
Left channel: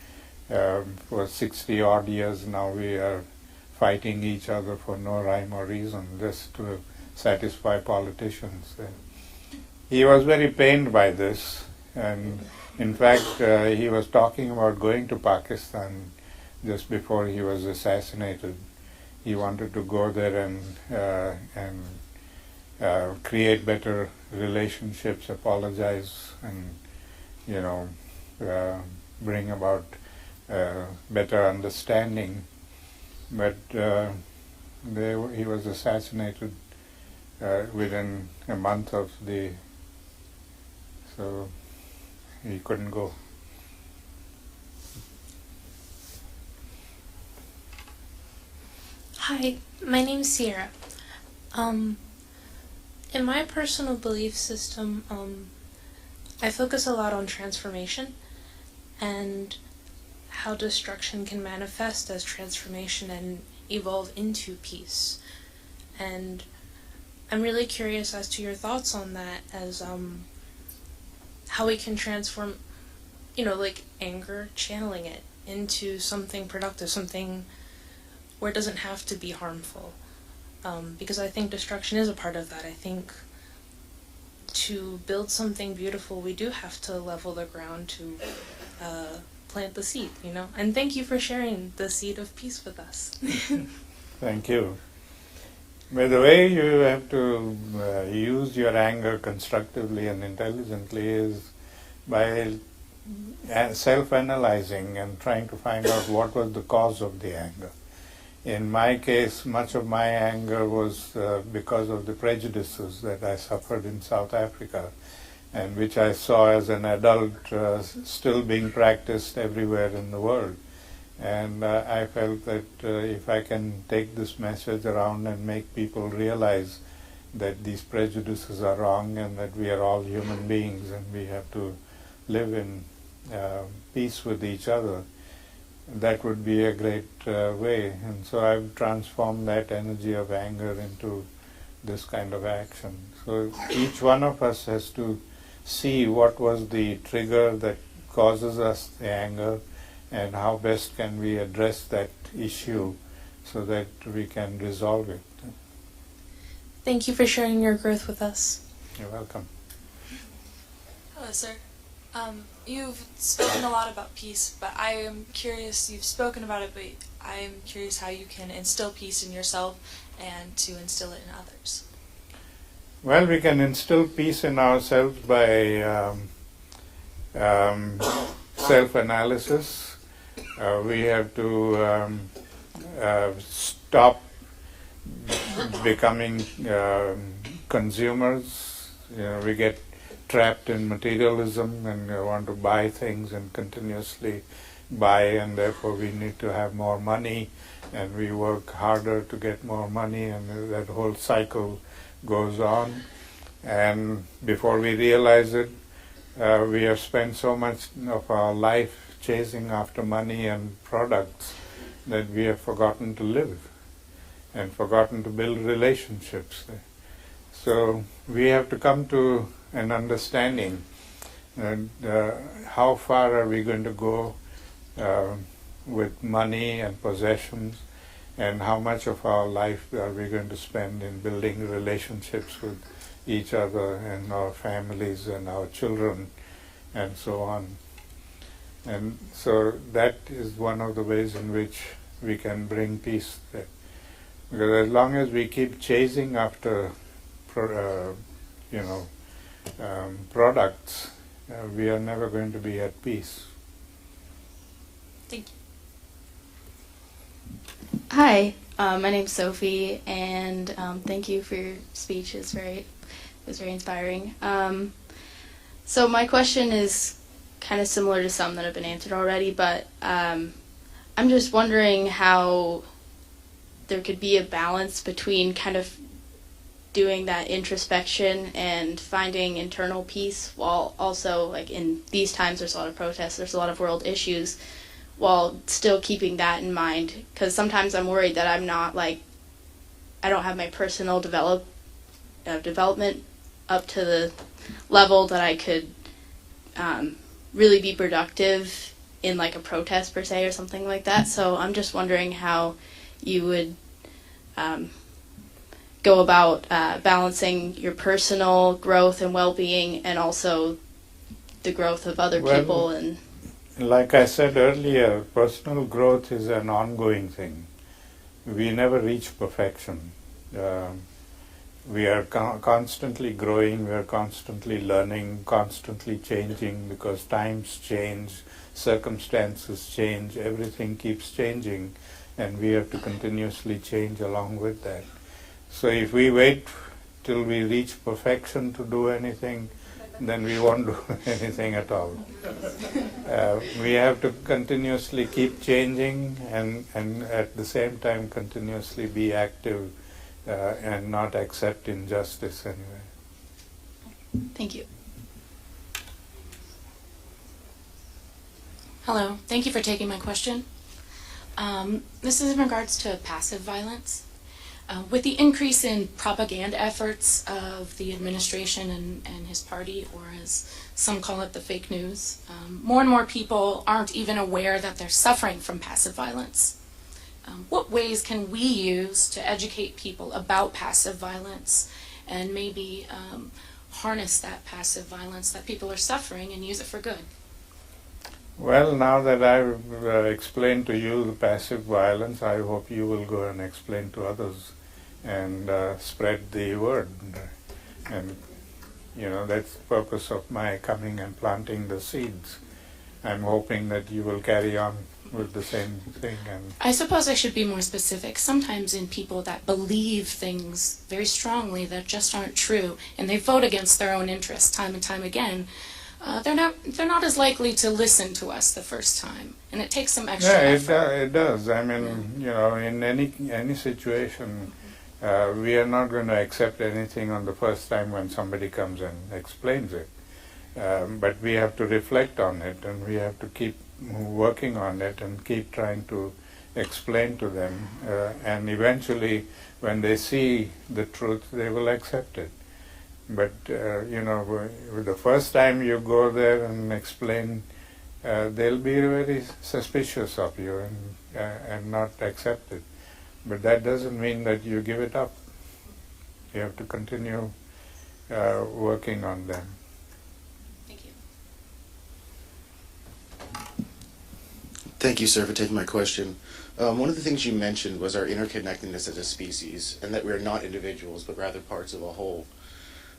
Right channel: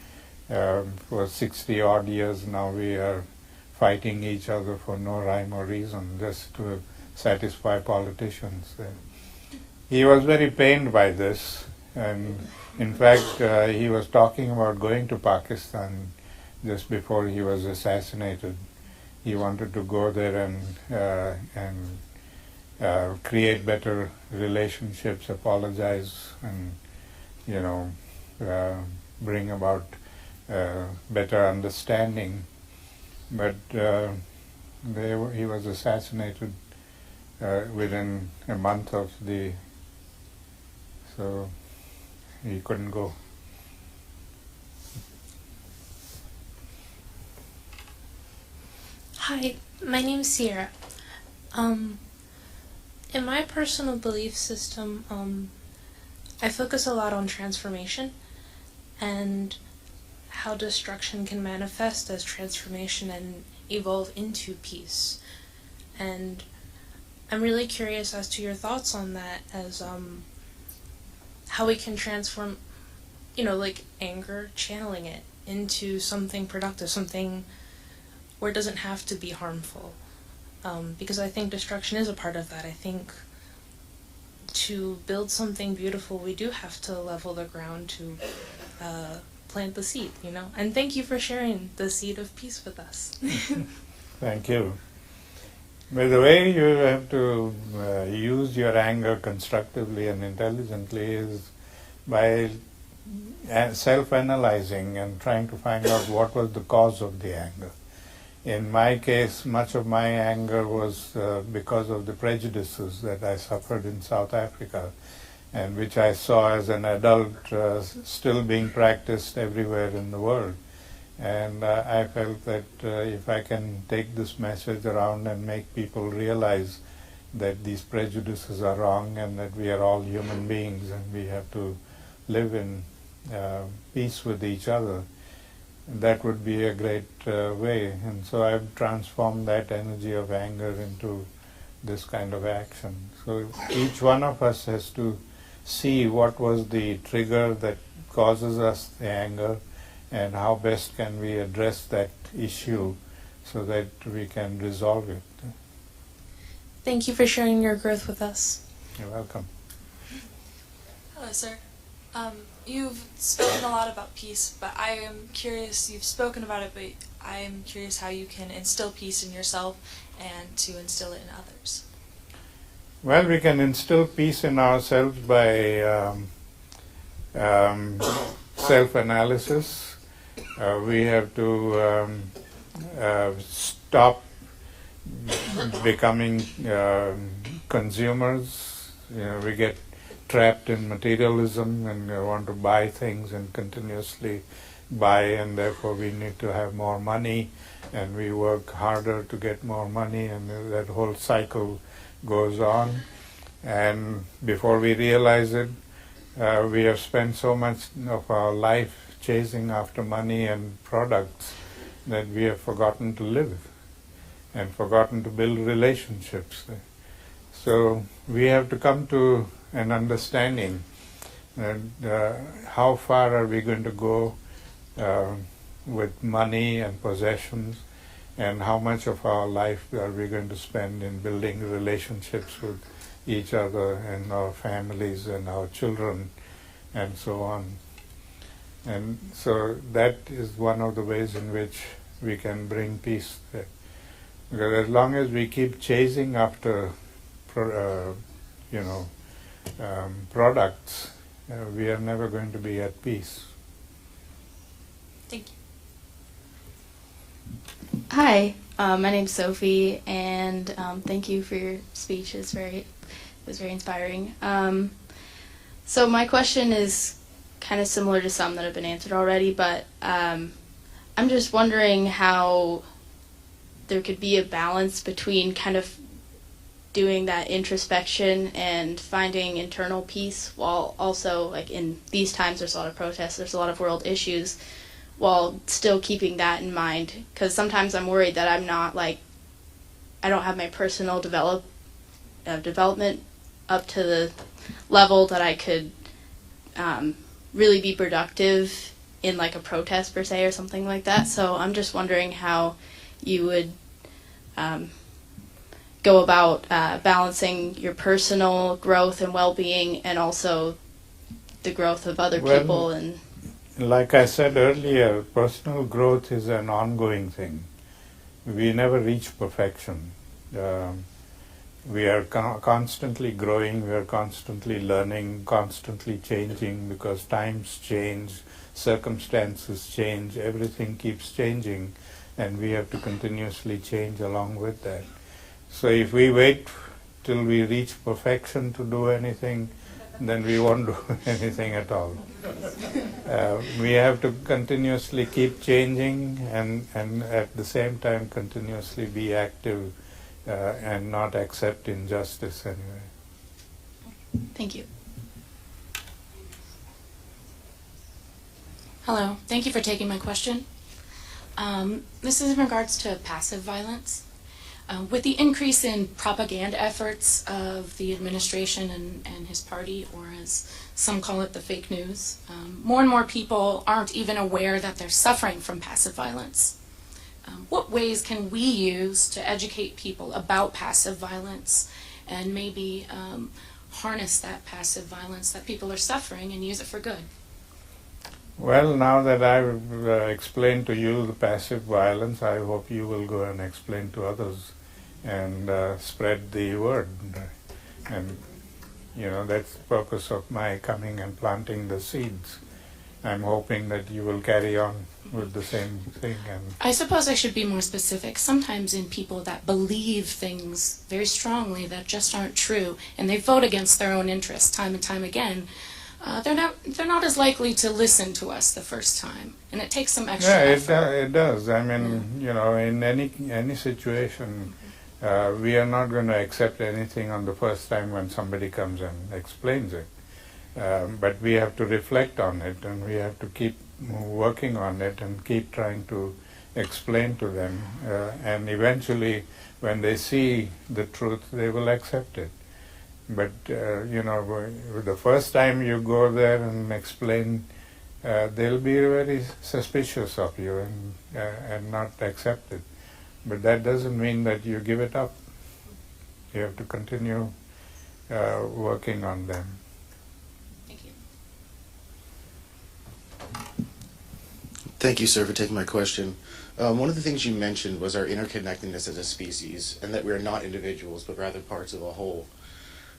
for 60 odd years now we are fighting each other for no rhyme or reason, just to satisfy politicians. He was very pained by this, and in fact he was talking about going to Pakistan just before he was assassinated. He wanted to go there and create better relationships, apologize, and bring about better understanding. But he was assassinated within a month of so he couldn't go. Hi, my name's Sierra. In my personal belief system, I focus a lot on transformation and how destruction can manifest as transformation and evolve into peace. And I'm really curious as to your thoughts on that, as how we can transform, like anger, channeling it into something productive, something where it doesn't have to be harmful. Because I think destruction is a part of that. I think to build something beautiful, we do have to level the ground to plant the seed, And thank you for sharing the seed of peace with us. Thank you. But the way you have to use your anger constructively and intelligently is by self-analyzing and trying to find out what was the cause of the anger. In my case, much of my anger was because of the prejudices that I suffered in South Africa, and which I saw as an adult still being practiced everywhere in the world. And I felt that if I can take this message around and make people realize that these prejudices are wrong and that we are all human beings and we have to live in peace with each other, that would be a great way. And so I've transformed that energy of anger into this kind of action. So each one of us has to see what was the trigger that causes us the anger, and how best can we address that issue so that we can resolve it. Thank you for sharing your growth with us. You're welcome. Hello, sir. You've spoken a lot about peace, but I am curious, you've spoken about it, but I am curious how you can instill peace in yourself and to instill it in others. Well, we can instill peace in ourselves by self-analysis. We have to stop becoming consumers. We get trapped in materialism and want to buy things and continuously buy, and therefore we need to have more money, and we work harder to get more money, and that whole cycle goes on. And before we realize it, we have spent so much of our life chasing after money and products that we have forgotten to live and forgotten to build relationships. So we have to come to an understanding that how far are we going to go with money and possessions, and how much of our life are we going to spend in building relationships with each other and our families and our children and so on. And so that is one of the ways in which we can bring peace there. Because as long as we keep chasing after products, we are never going to be at peace. Thank you. Hi, my name's Sophie, and thank you for your speech. It was very inspiring. So my question is kind of similar to some that have been answered already, but I'm just wondering how there could be a balance between kind of doing that introspection and finding internal peace while also, like in these times, there's a lot of protests, there's a lot of world issues, while still keeping that in mind. Because sometimes I'm worried that I'm not like, I don't have my personal development up to the level that I could really be productive in like a protest per se or something like that. So I'm just wondering how you would go about balancing your personal growth and well-being and also the growth of other people. And like I said earlier, personal growth is an ongoing thing. We never reach perfection. We are constantly growing, we are constantly learning, constantly changing, because times change, circumstances change, everything keeps changing, and we have to continuously change along with that. So if we wait till we reach perfection to do anything, then we won't do anything at all. We have to continuously keep changing and at the same time continuously be active and not accept injustice anyway. thank you. Hello, thank you for taking my question. This is in regards to passive violence. With the increase in propaganda efforts of the administration and his party, or as some call it, the fake news, more and more people aren't even aware that they're suffering from passive violence. What ways can we use to educate people about passive violence and maybe harness that passive violence that people are suffering and use it for good? Well, now that I've explained to you the passive violence, I hope you will go and explain to others and spread the word. And, that's the purpose of my coming and planting the seeds. I'm hoping that you will carry on with the same thing. And I suppose I should be more specific. Sometimes in people that believe things very strongly that just aren't true, and they vote against their own interests time and time again, they're not as likely to listen to us the first time, and it takes some extra effort. It does. I mean, in any situation, we are not going to accept anything on the first time when somebody comes and explains it. But we have to reflect on it, and we have to keep working on it and keep trying to explain to them. And eventually, when they see the truth, they will accept it. But, the first time you go there and explain, they'll be very suspicious of you and not accept it. But that doesn't mean that you give it up. You have to continue working on them. Thank you. Thank you, sir, for taking my question. One of the things you mentioned was our interconnectedness as a species, and that we are not individuals, but rather parts of a whole.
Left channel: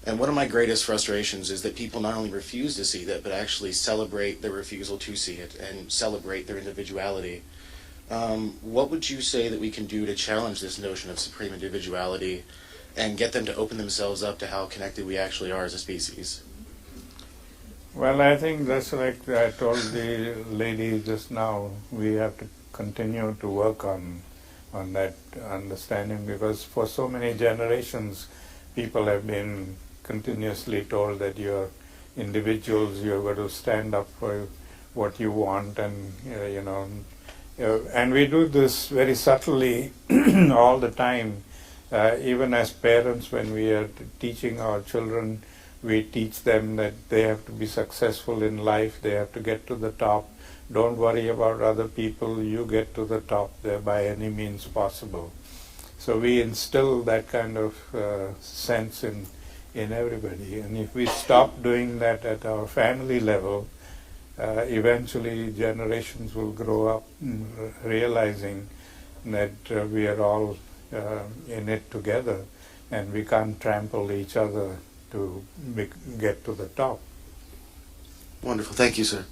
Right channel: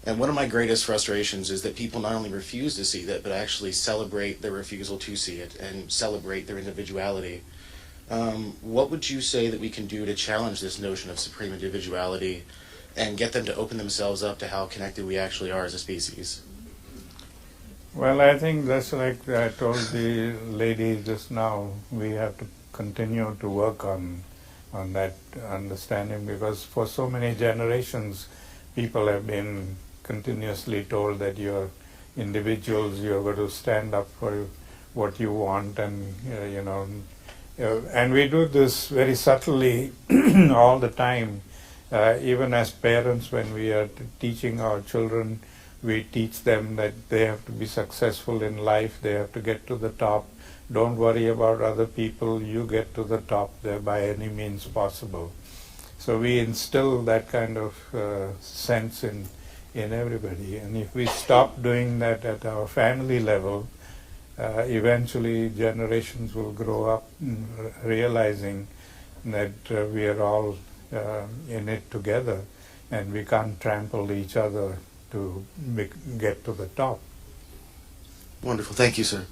And one of my greatest frustrations is that people not only refuse to see that, but actually celebrate their refusal to see it and celebrate their individuality. What would you say that we can do to challenge this notion of supreme individuality and get them to open themselves up to how connected we actually are as a species? Well, I think that's like I told the lady just now, we have to continue to work on that understanding, because for so many generations people have been continuously told that you're individuals, you're going to stand up for what you want, and and we do this very subtly all the time. Even as parents, when we are teaching our children, we teach them that they have to be successful in life, they have to get to the top. Don't worry about other people, you get to the top there by any means possible. So we instill that kind of sense in everybody. And if we stop doing that at our family level, eventually generations will grow up realizing that we are all in it together, and we can't trample each other to get to the top. Wonderful. Thank you, sir.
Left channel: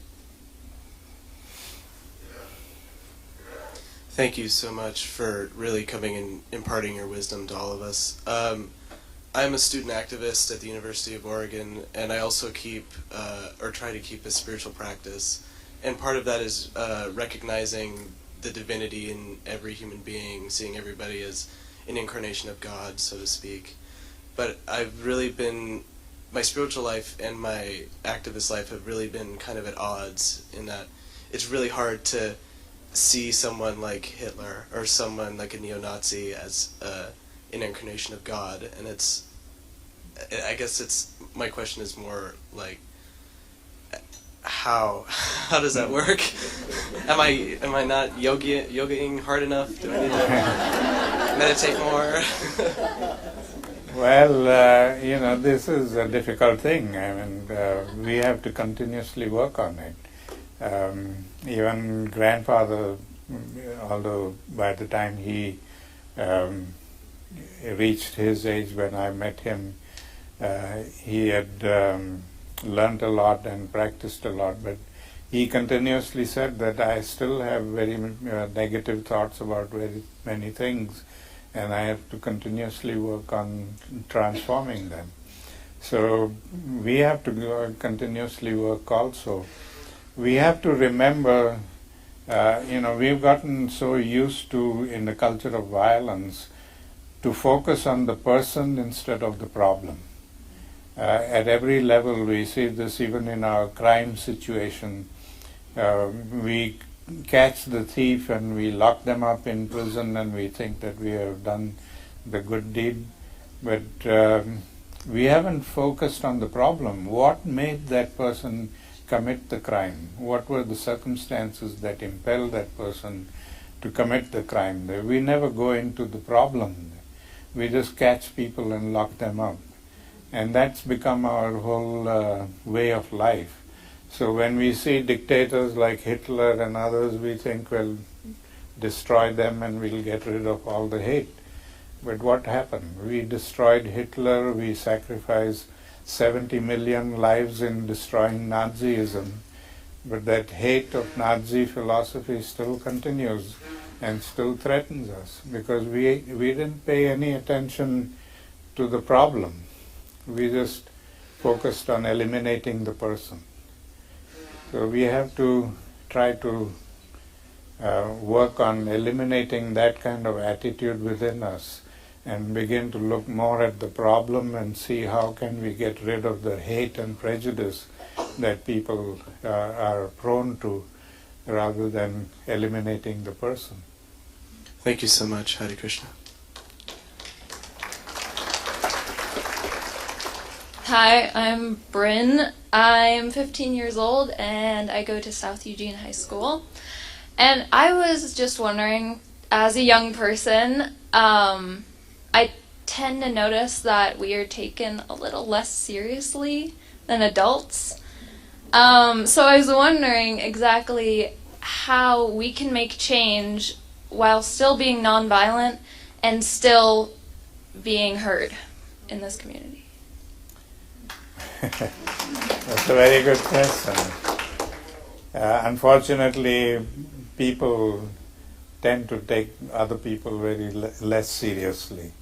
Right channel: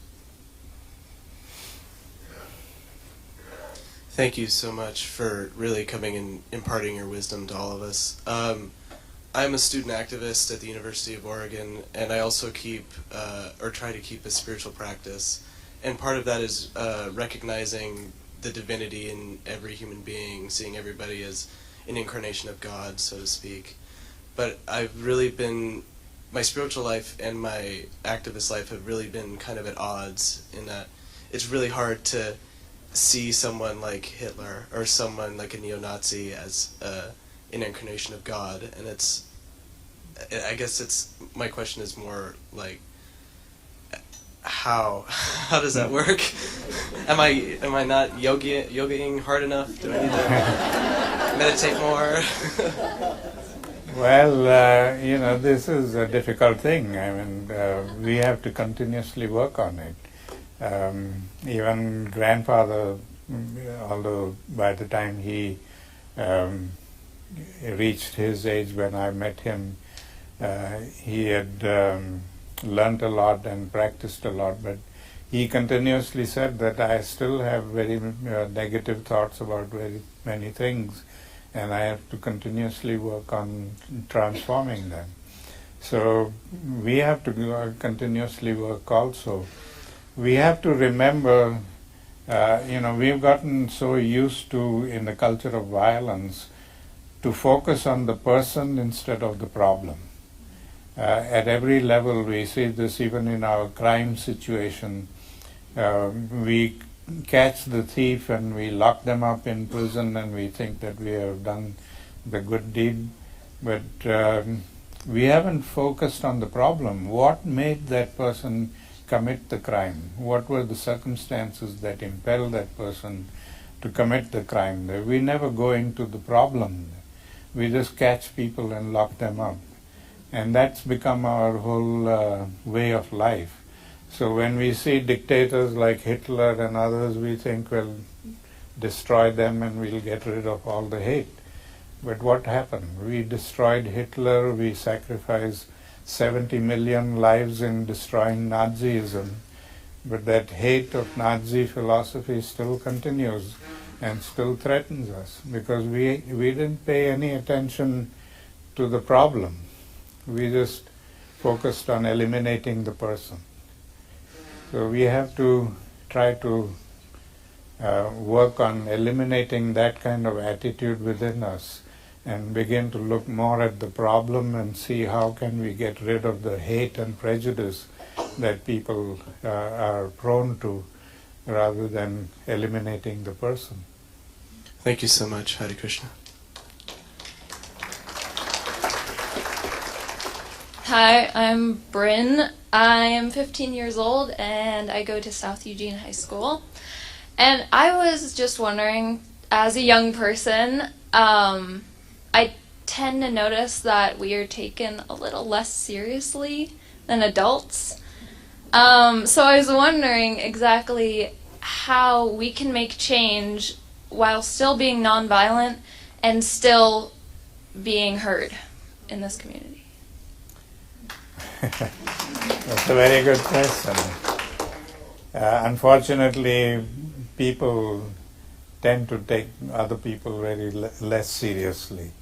Thank you so much for really coming and imparting your wisdom to all of us. I'm a student activist at the University of Oregon, and I also keep, or try to keep, a spiritual practice. And part of that is recognizing the divinity in every human being, seeing everybody as an incarnation of God, so to speak. But I've really been, my spiritual life and my activist life have really been kind of at odds, in that it's really hard to see someone like Hitler or someone like a neo-Nazi as an incarnation of God. And I guess my question is more like, how does that work? Am I not yogaing hard enough? Do I need to meditate more? Well, this is a difficult thing. I mean, we have to continuously work on it. Even grandfather, although by the time he reached his age when I met him, he had learned a lot and practiced a lot, but he continuously said that I still have very negative thoughts about very many things, and I have to continuously work on transforming them. So we have to continuously work also. We have to remember, we've gotten so used to, in the culture of violence, to focus on the person instead of the problem. At every level we see this, even in our crime situation. We catch the thief and we lock them up in prison and we think that we have done the good deed, but we haven't focused on the problem. What made that person commit the crime? What were the circumstances that impelled that person to commit the crime? We never go into the problem. We just catch people and lock them up. And that's become our whole way of life. So when we see dictators like Hitler and others, we think, well, destroy them and we'll get rid of all the hate. But what happened? We destroyed Hitler, we sacrificed 70 million lives in destroying Nazism, but that hate of Nazi philosophy still continues and still threatens us, because we didn't pay any attention to the problem. We just focused on eliminating the person. So we have to try to work on eliminating that kind of attitude within us and begin to look more at the problem and see how can we get rid of the hate and prejudice that people are prone to, rather than eliminating the person. Thank you so much. Hare Krishna. Hi, I'm Bryn. I'm 15 years old and I go to South Eugene High School. And I was just wondering, as a young person, I tend to notice that we are taken a little less seriously than adults. So I was wondering exactly how we can make change while still being nonviolent and still being heard in this community. That's a very good question. Unfortunately, people tend to take other people very less seriously.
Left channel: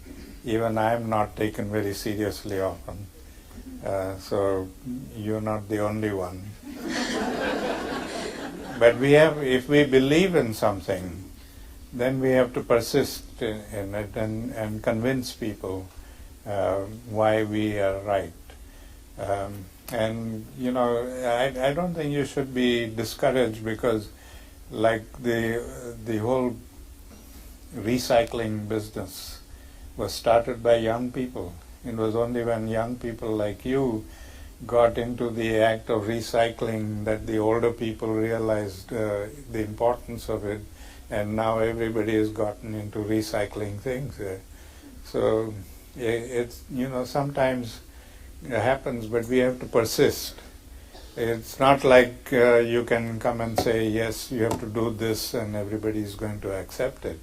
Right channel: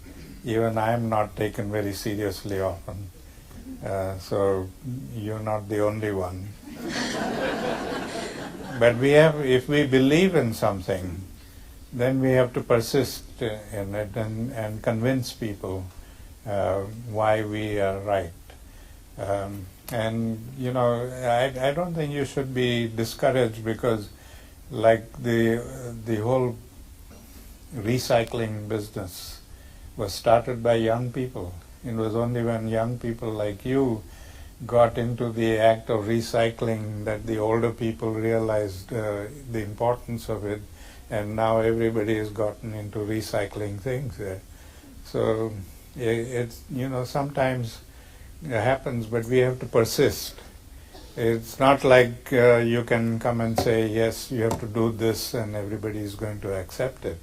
Even I am not taken very seriously often. So you're not the only one. But if we believe in something, then we have to persist in it and convince people why we are right. I don't think you should be discouraged, because like the whole recycling business was started by young people. It was only when young people like you got into the act of recycling that the older people realized the importance of it, and now everybody has gotten into recycling things. So it's, sometimes it happens, but we have to persist. It's not like you can come and say, yes, you have to do this and everybody is going to accept it.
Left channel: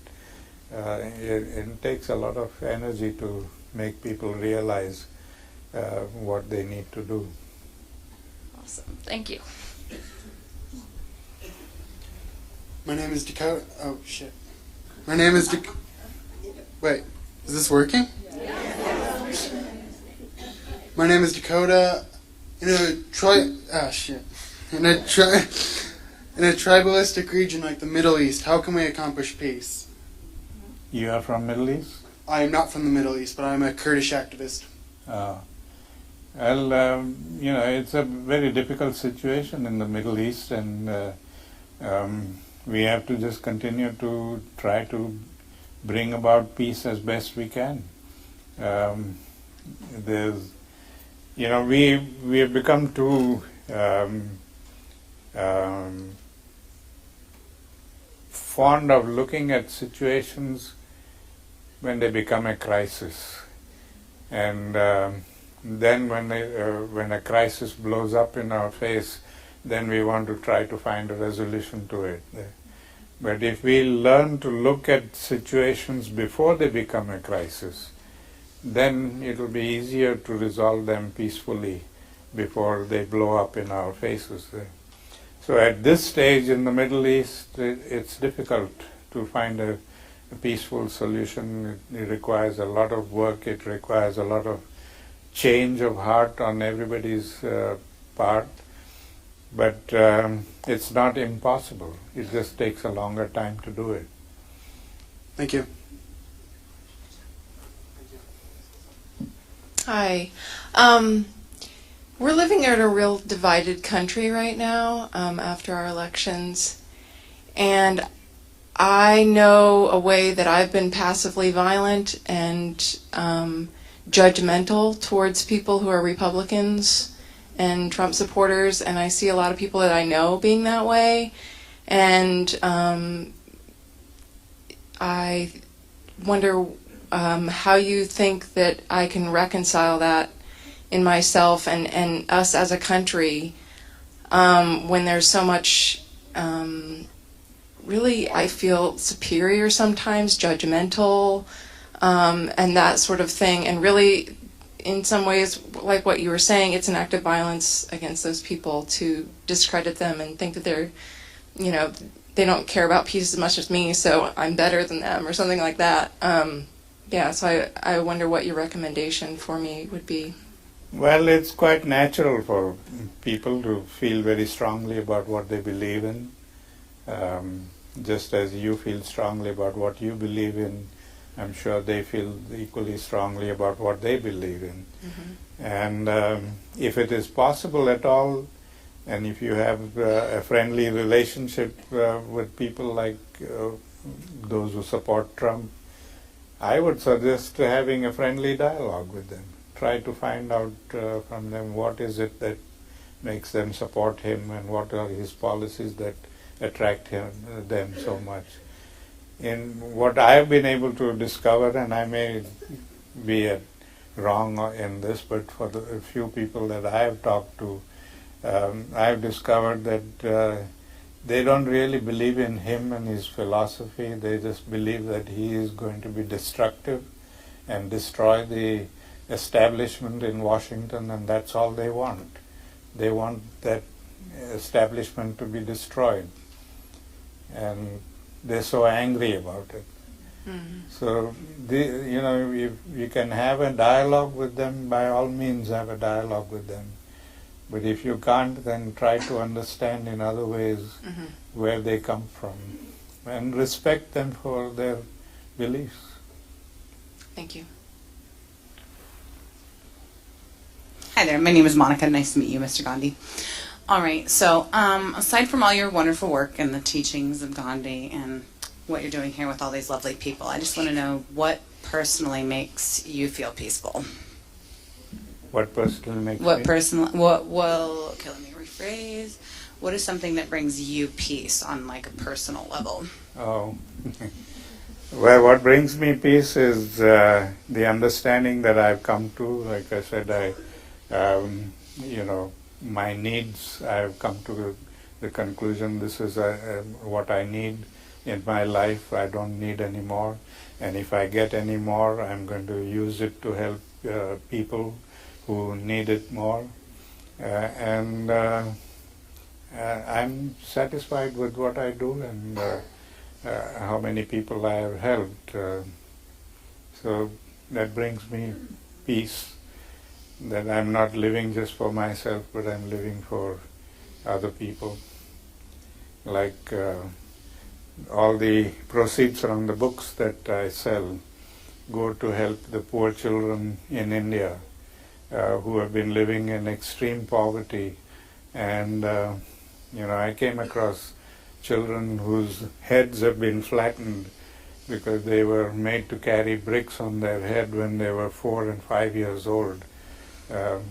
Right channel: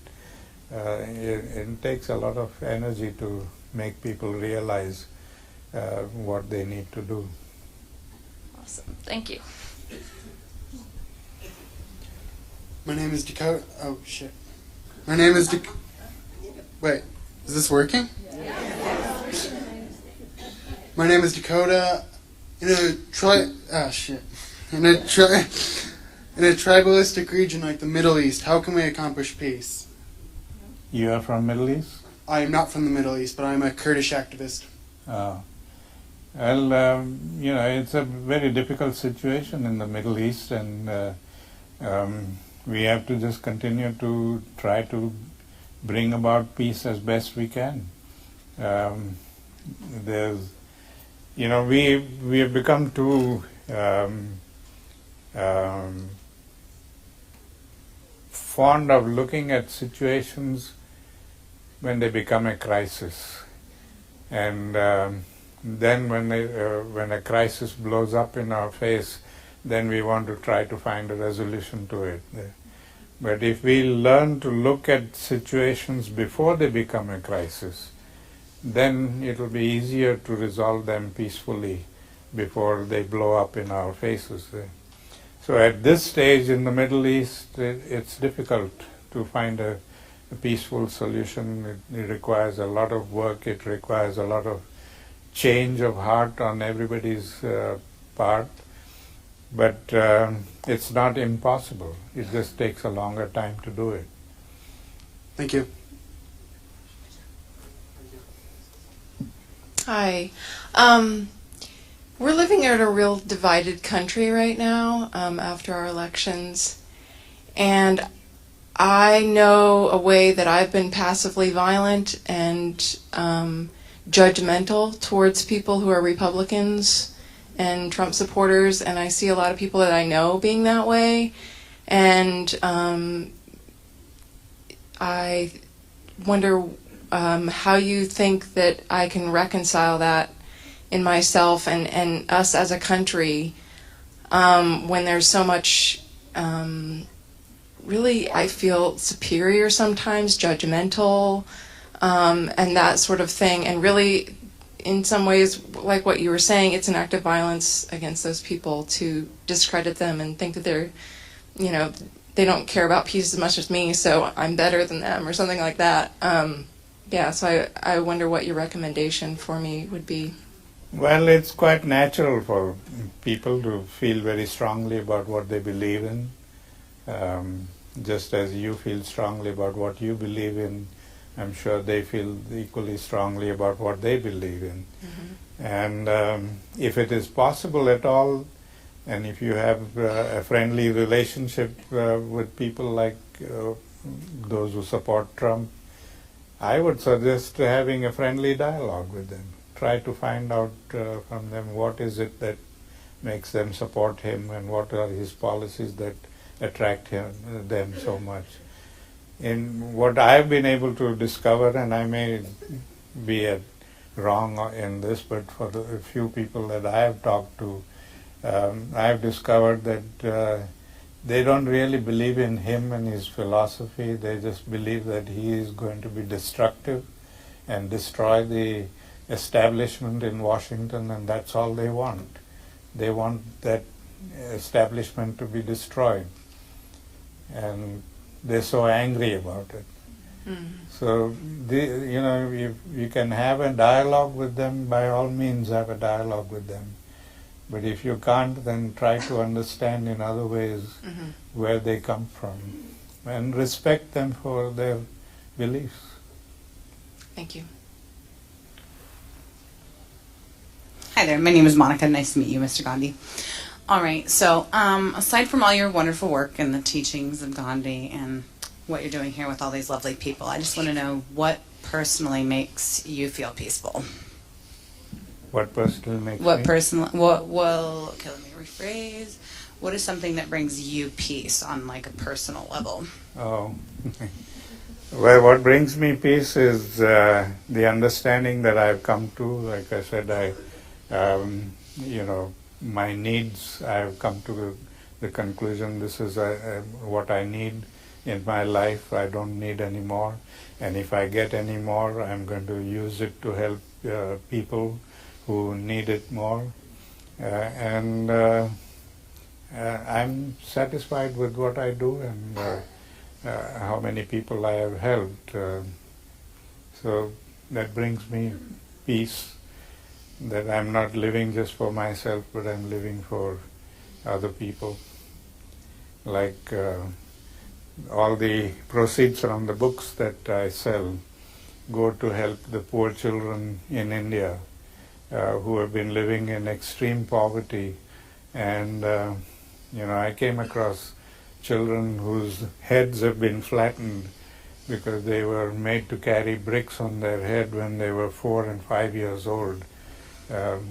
It takes a lot of energy to make people realize what they need to do. Awesome. Thank you. My name is Dakota. Oh, shit. My name is Wait, is this working? My name is Dakota. In a tribalistic region like the Middle East, how can we accomplish peace? You are from Middle East? I am not from the Middle East, but I am a Kurdish activist. Well, it's a very difficult situation in the Middle East, and we have to just continue to try to bring about peace as best we can. We have become too fond of looking at situations when they become a crisis, and then when a crisis blows up in our face, then we want to try to find a resolution to it. But if we learn to look at situations before they become a crisis, then it will be easier to resolve them peacefully before they blow up in our faces. So at this stage in the Middle East, it's difficult to find a peaceful solution. It requires a lot of work. It requires a lot of change of heart on everybody's part. But it's not impossible. It just takes a longer time to do it. Thank you. Hi. We're living in a real divided country right now after our elections. And I know a way that I've been passively violent and judgmental towards people who are Republicans and Trump supporters, and I see a lot of people that I know being that way. And I wonder how you think that I can reconcile that in myself and us as a country when there's so much really, I feel superior sometimes, judgmental, and that sort of thing. And really, in some ways, like what you were saying, it's an act of violence against those people to discredit them and think that they're, they don't care about peace as much as me, so I'm better than them or something like that. So I wonder what your recommendation for me would be. Well, it's quite natural for people to feel very strongly about what they believe in. Just as you feel strongly about what you believe in, I'm sure they feel equally strongly about what they believe in. Mm-hmm. And if it is possible at all, and if you have a friendly relationship with people like those who support Trump, I would suggest having a friendly dialogue with them. Try to find out from them what is it that makes them support him and what are his policies that attract them so much. In what I've been able to discover, and I may be wrong in this, but for the few people that I have talked to, I've discovered that they don't really believe in him and his philosophy. They just believe that he is going to be destructive and destroy the establishment in Washington, and that's all they want. They want that establishment to be destroyed. And they're so angry about it. Mm-hmm. So, if you can have a dialogue with them, by all means have a dialogue with them. But if you can't, then try to understand in other ways mm-hmm. where they come from and respect them for their beliefs. Thank you. Hi there, my name is Monica. Nice to meet you, Mr. Gandhi. All right, so aside from all your wonderful work and the teachings of Gandhi and what you're doing here with all these lovely people, I just want to know what personally makes you feel peaceful. What personally makes me? Okay, let me rephrase. What is something that brings you peace on like a personal level? Oh, well, what brings me peace is the understanding that I've come to. Like I said, my needs, I've come to the conclusion this is what I need in my life. I don't need any more. And if I get any more, I'm going to use it to help people who need it more. I'm satisfied with what I do, and how many people I have helped. So that brings me peace, that I'm not living just for myself, but I'm living for other people. Like all the proceeds from the books that I sell go to help the poor children in India who have been living in extreme poverty. And I came across children whose heads have been flattened because they were made to carry bricks on their head when they were 4 and 5 years old,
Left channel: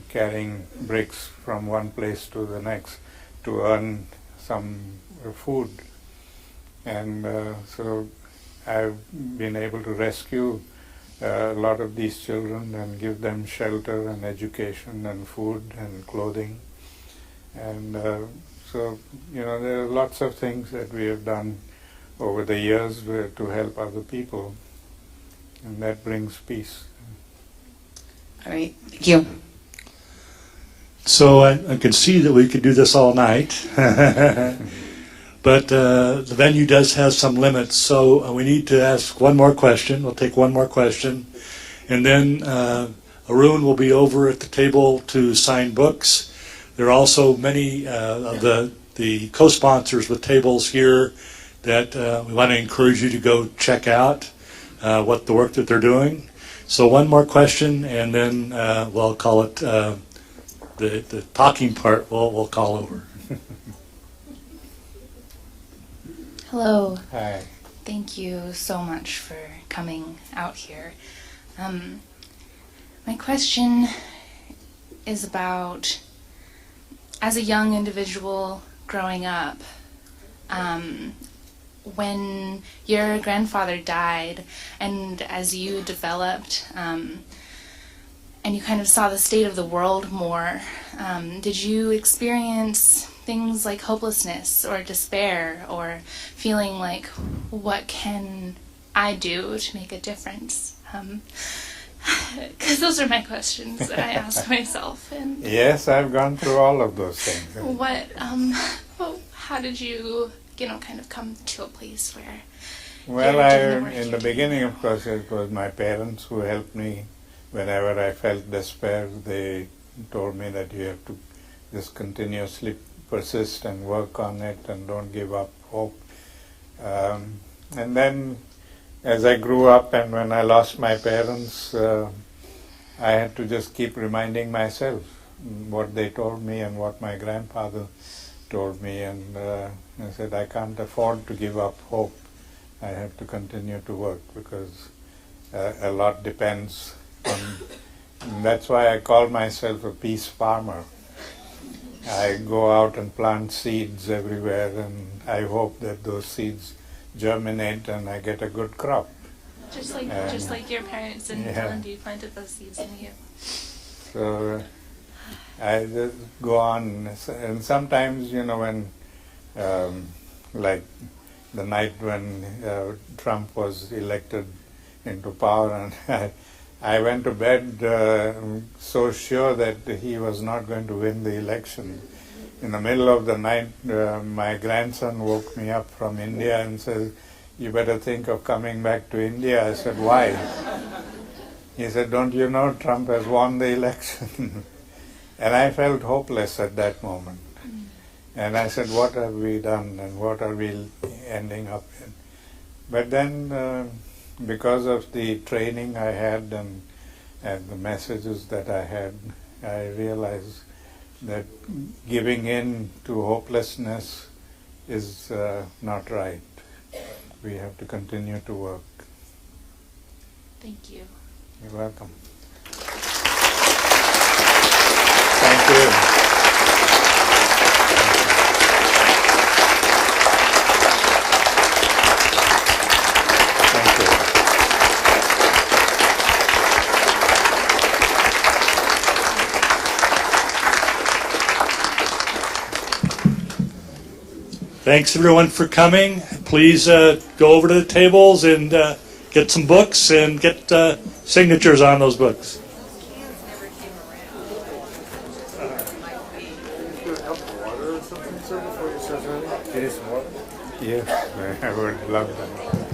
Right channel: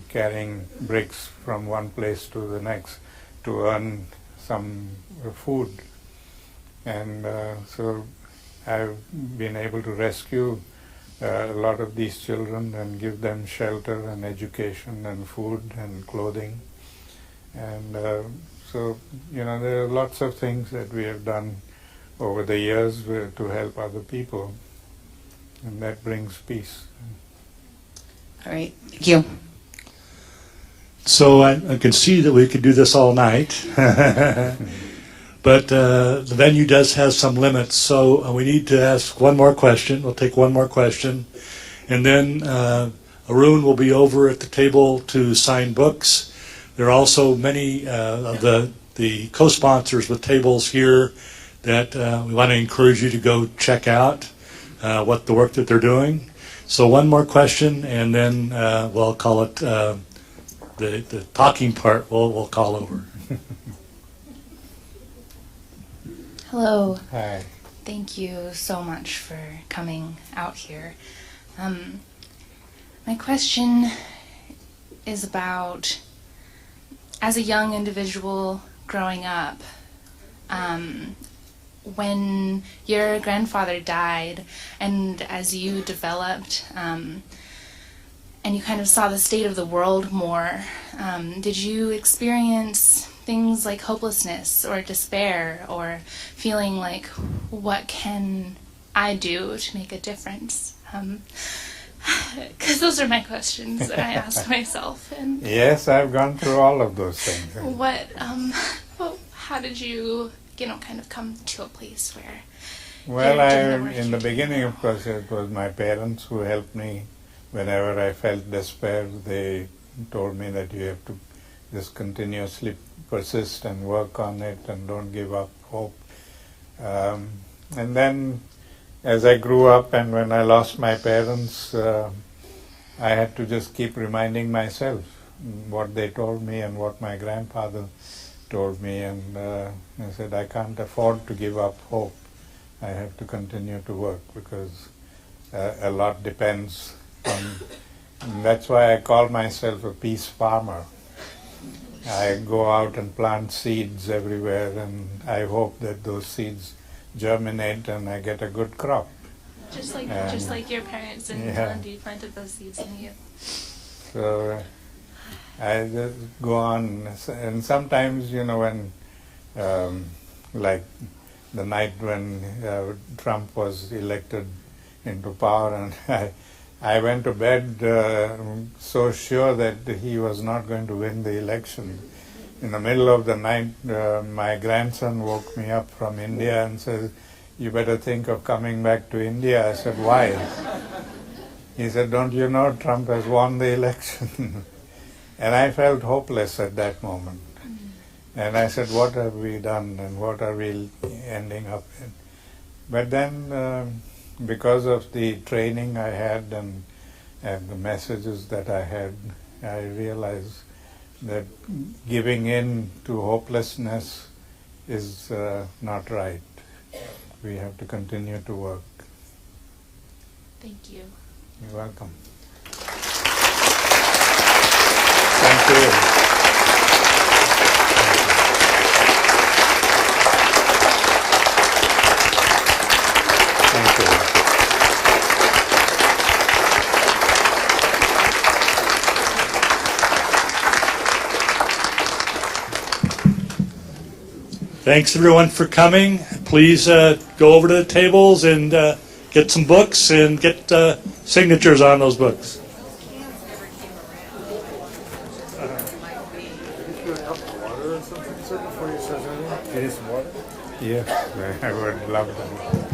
carrying bricks from one place to the next to earn some food. And so I've been able to rescue a lot of these children and give them shelter and education and food and clothing. And so, there are lots of things that we have done over the years to help other people, and that brings peace. All right, thank you. So I can see that we could do this all night, but the venue does have some limits, so we need to ask one more question. We'll take one more question, and then Arun will be over at the table to sign books. There are also many of the co-sponsors with tables here that we want to encourage you to go check out what the work that they're doing. So one more question, and then we'll call it the talking part. We'll call over. Hello. Hi. Thank you so much for coming out here. My question is about, as a young individual growing up, when your grandfather died, and as you developed, and you kind of saw the state of the world more, did you experience things like hopelessness or despair, or feeling like, what can I do to make a difference? Because those are my questions that I ask myself. And Yes, I've gone through all of those things. how did you, kind of come to a place where Well, you're doing the work in you're the beginning, of course, it was my parents who helped me. Whenever I felt despair, they told me that you have to just continuously persist and work on it and don't give up hope. And then as I grew up and when I lost my parents, I had to just keep reminding myself what they told me and what my grandfather told me, and I said, I can't afford to give up hope. I have to continue to work because a lot depends on. That's why I call myself a peace farmer. I go out and plant seeds everywhere, and I hope that those seeds germinate and I get a good crop. just like your parents in Gandhi planted those seeds in you. So I just go on, and sometimes, when, like the night when Trump was elected into power, and I went to bed so sure that he was not going to win the election. In the middle of the night, my grandson woke me up from India and said, you better think of coming back to India. I said, why? He said, don't you know Trump has won the election? And I felt hopeless at that moment. And I said, what have we done and what are we ending up in? But then, because of the training I had and the messages that I had, I realized that giving in to hopelessness is not right. We have to continue to work. Thank you. You're welcome. Thank you. Thanks everyone for coming. Please go over to the tables and get some books and get signatures on those books. Water or something, sir, before you start running? Do you need some water? Yes, I would love that.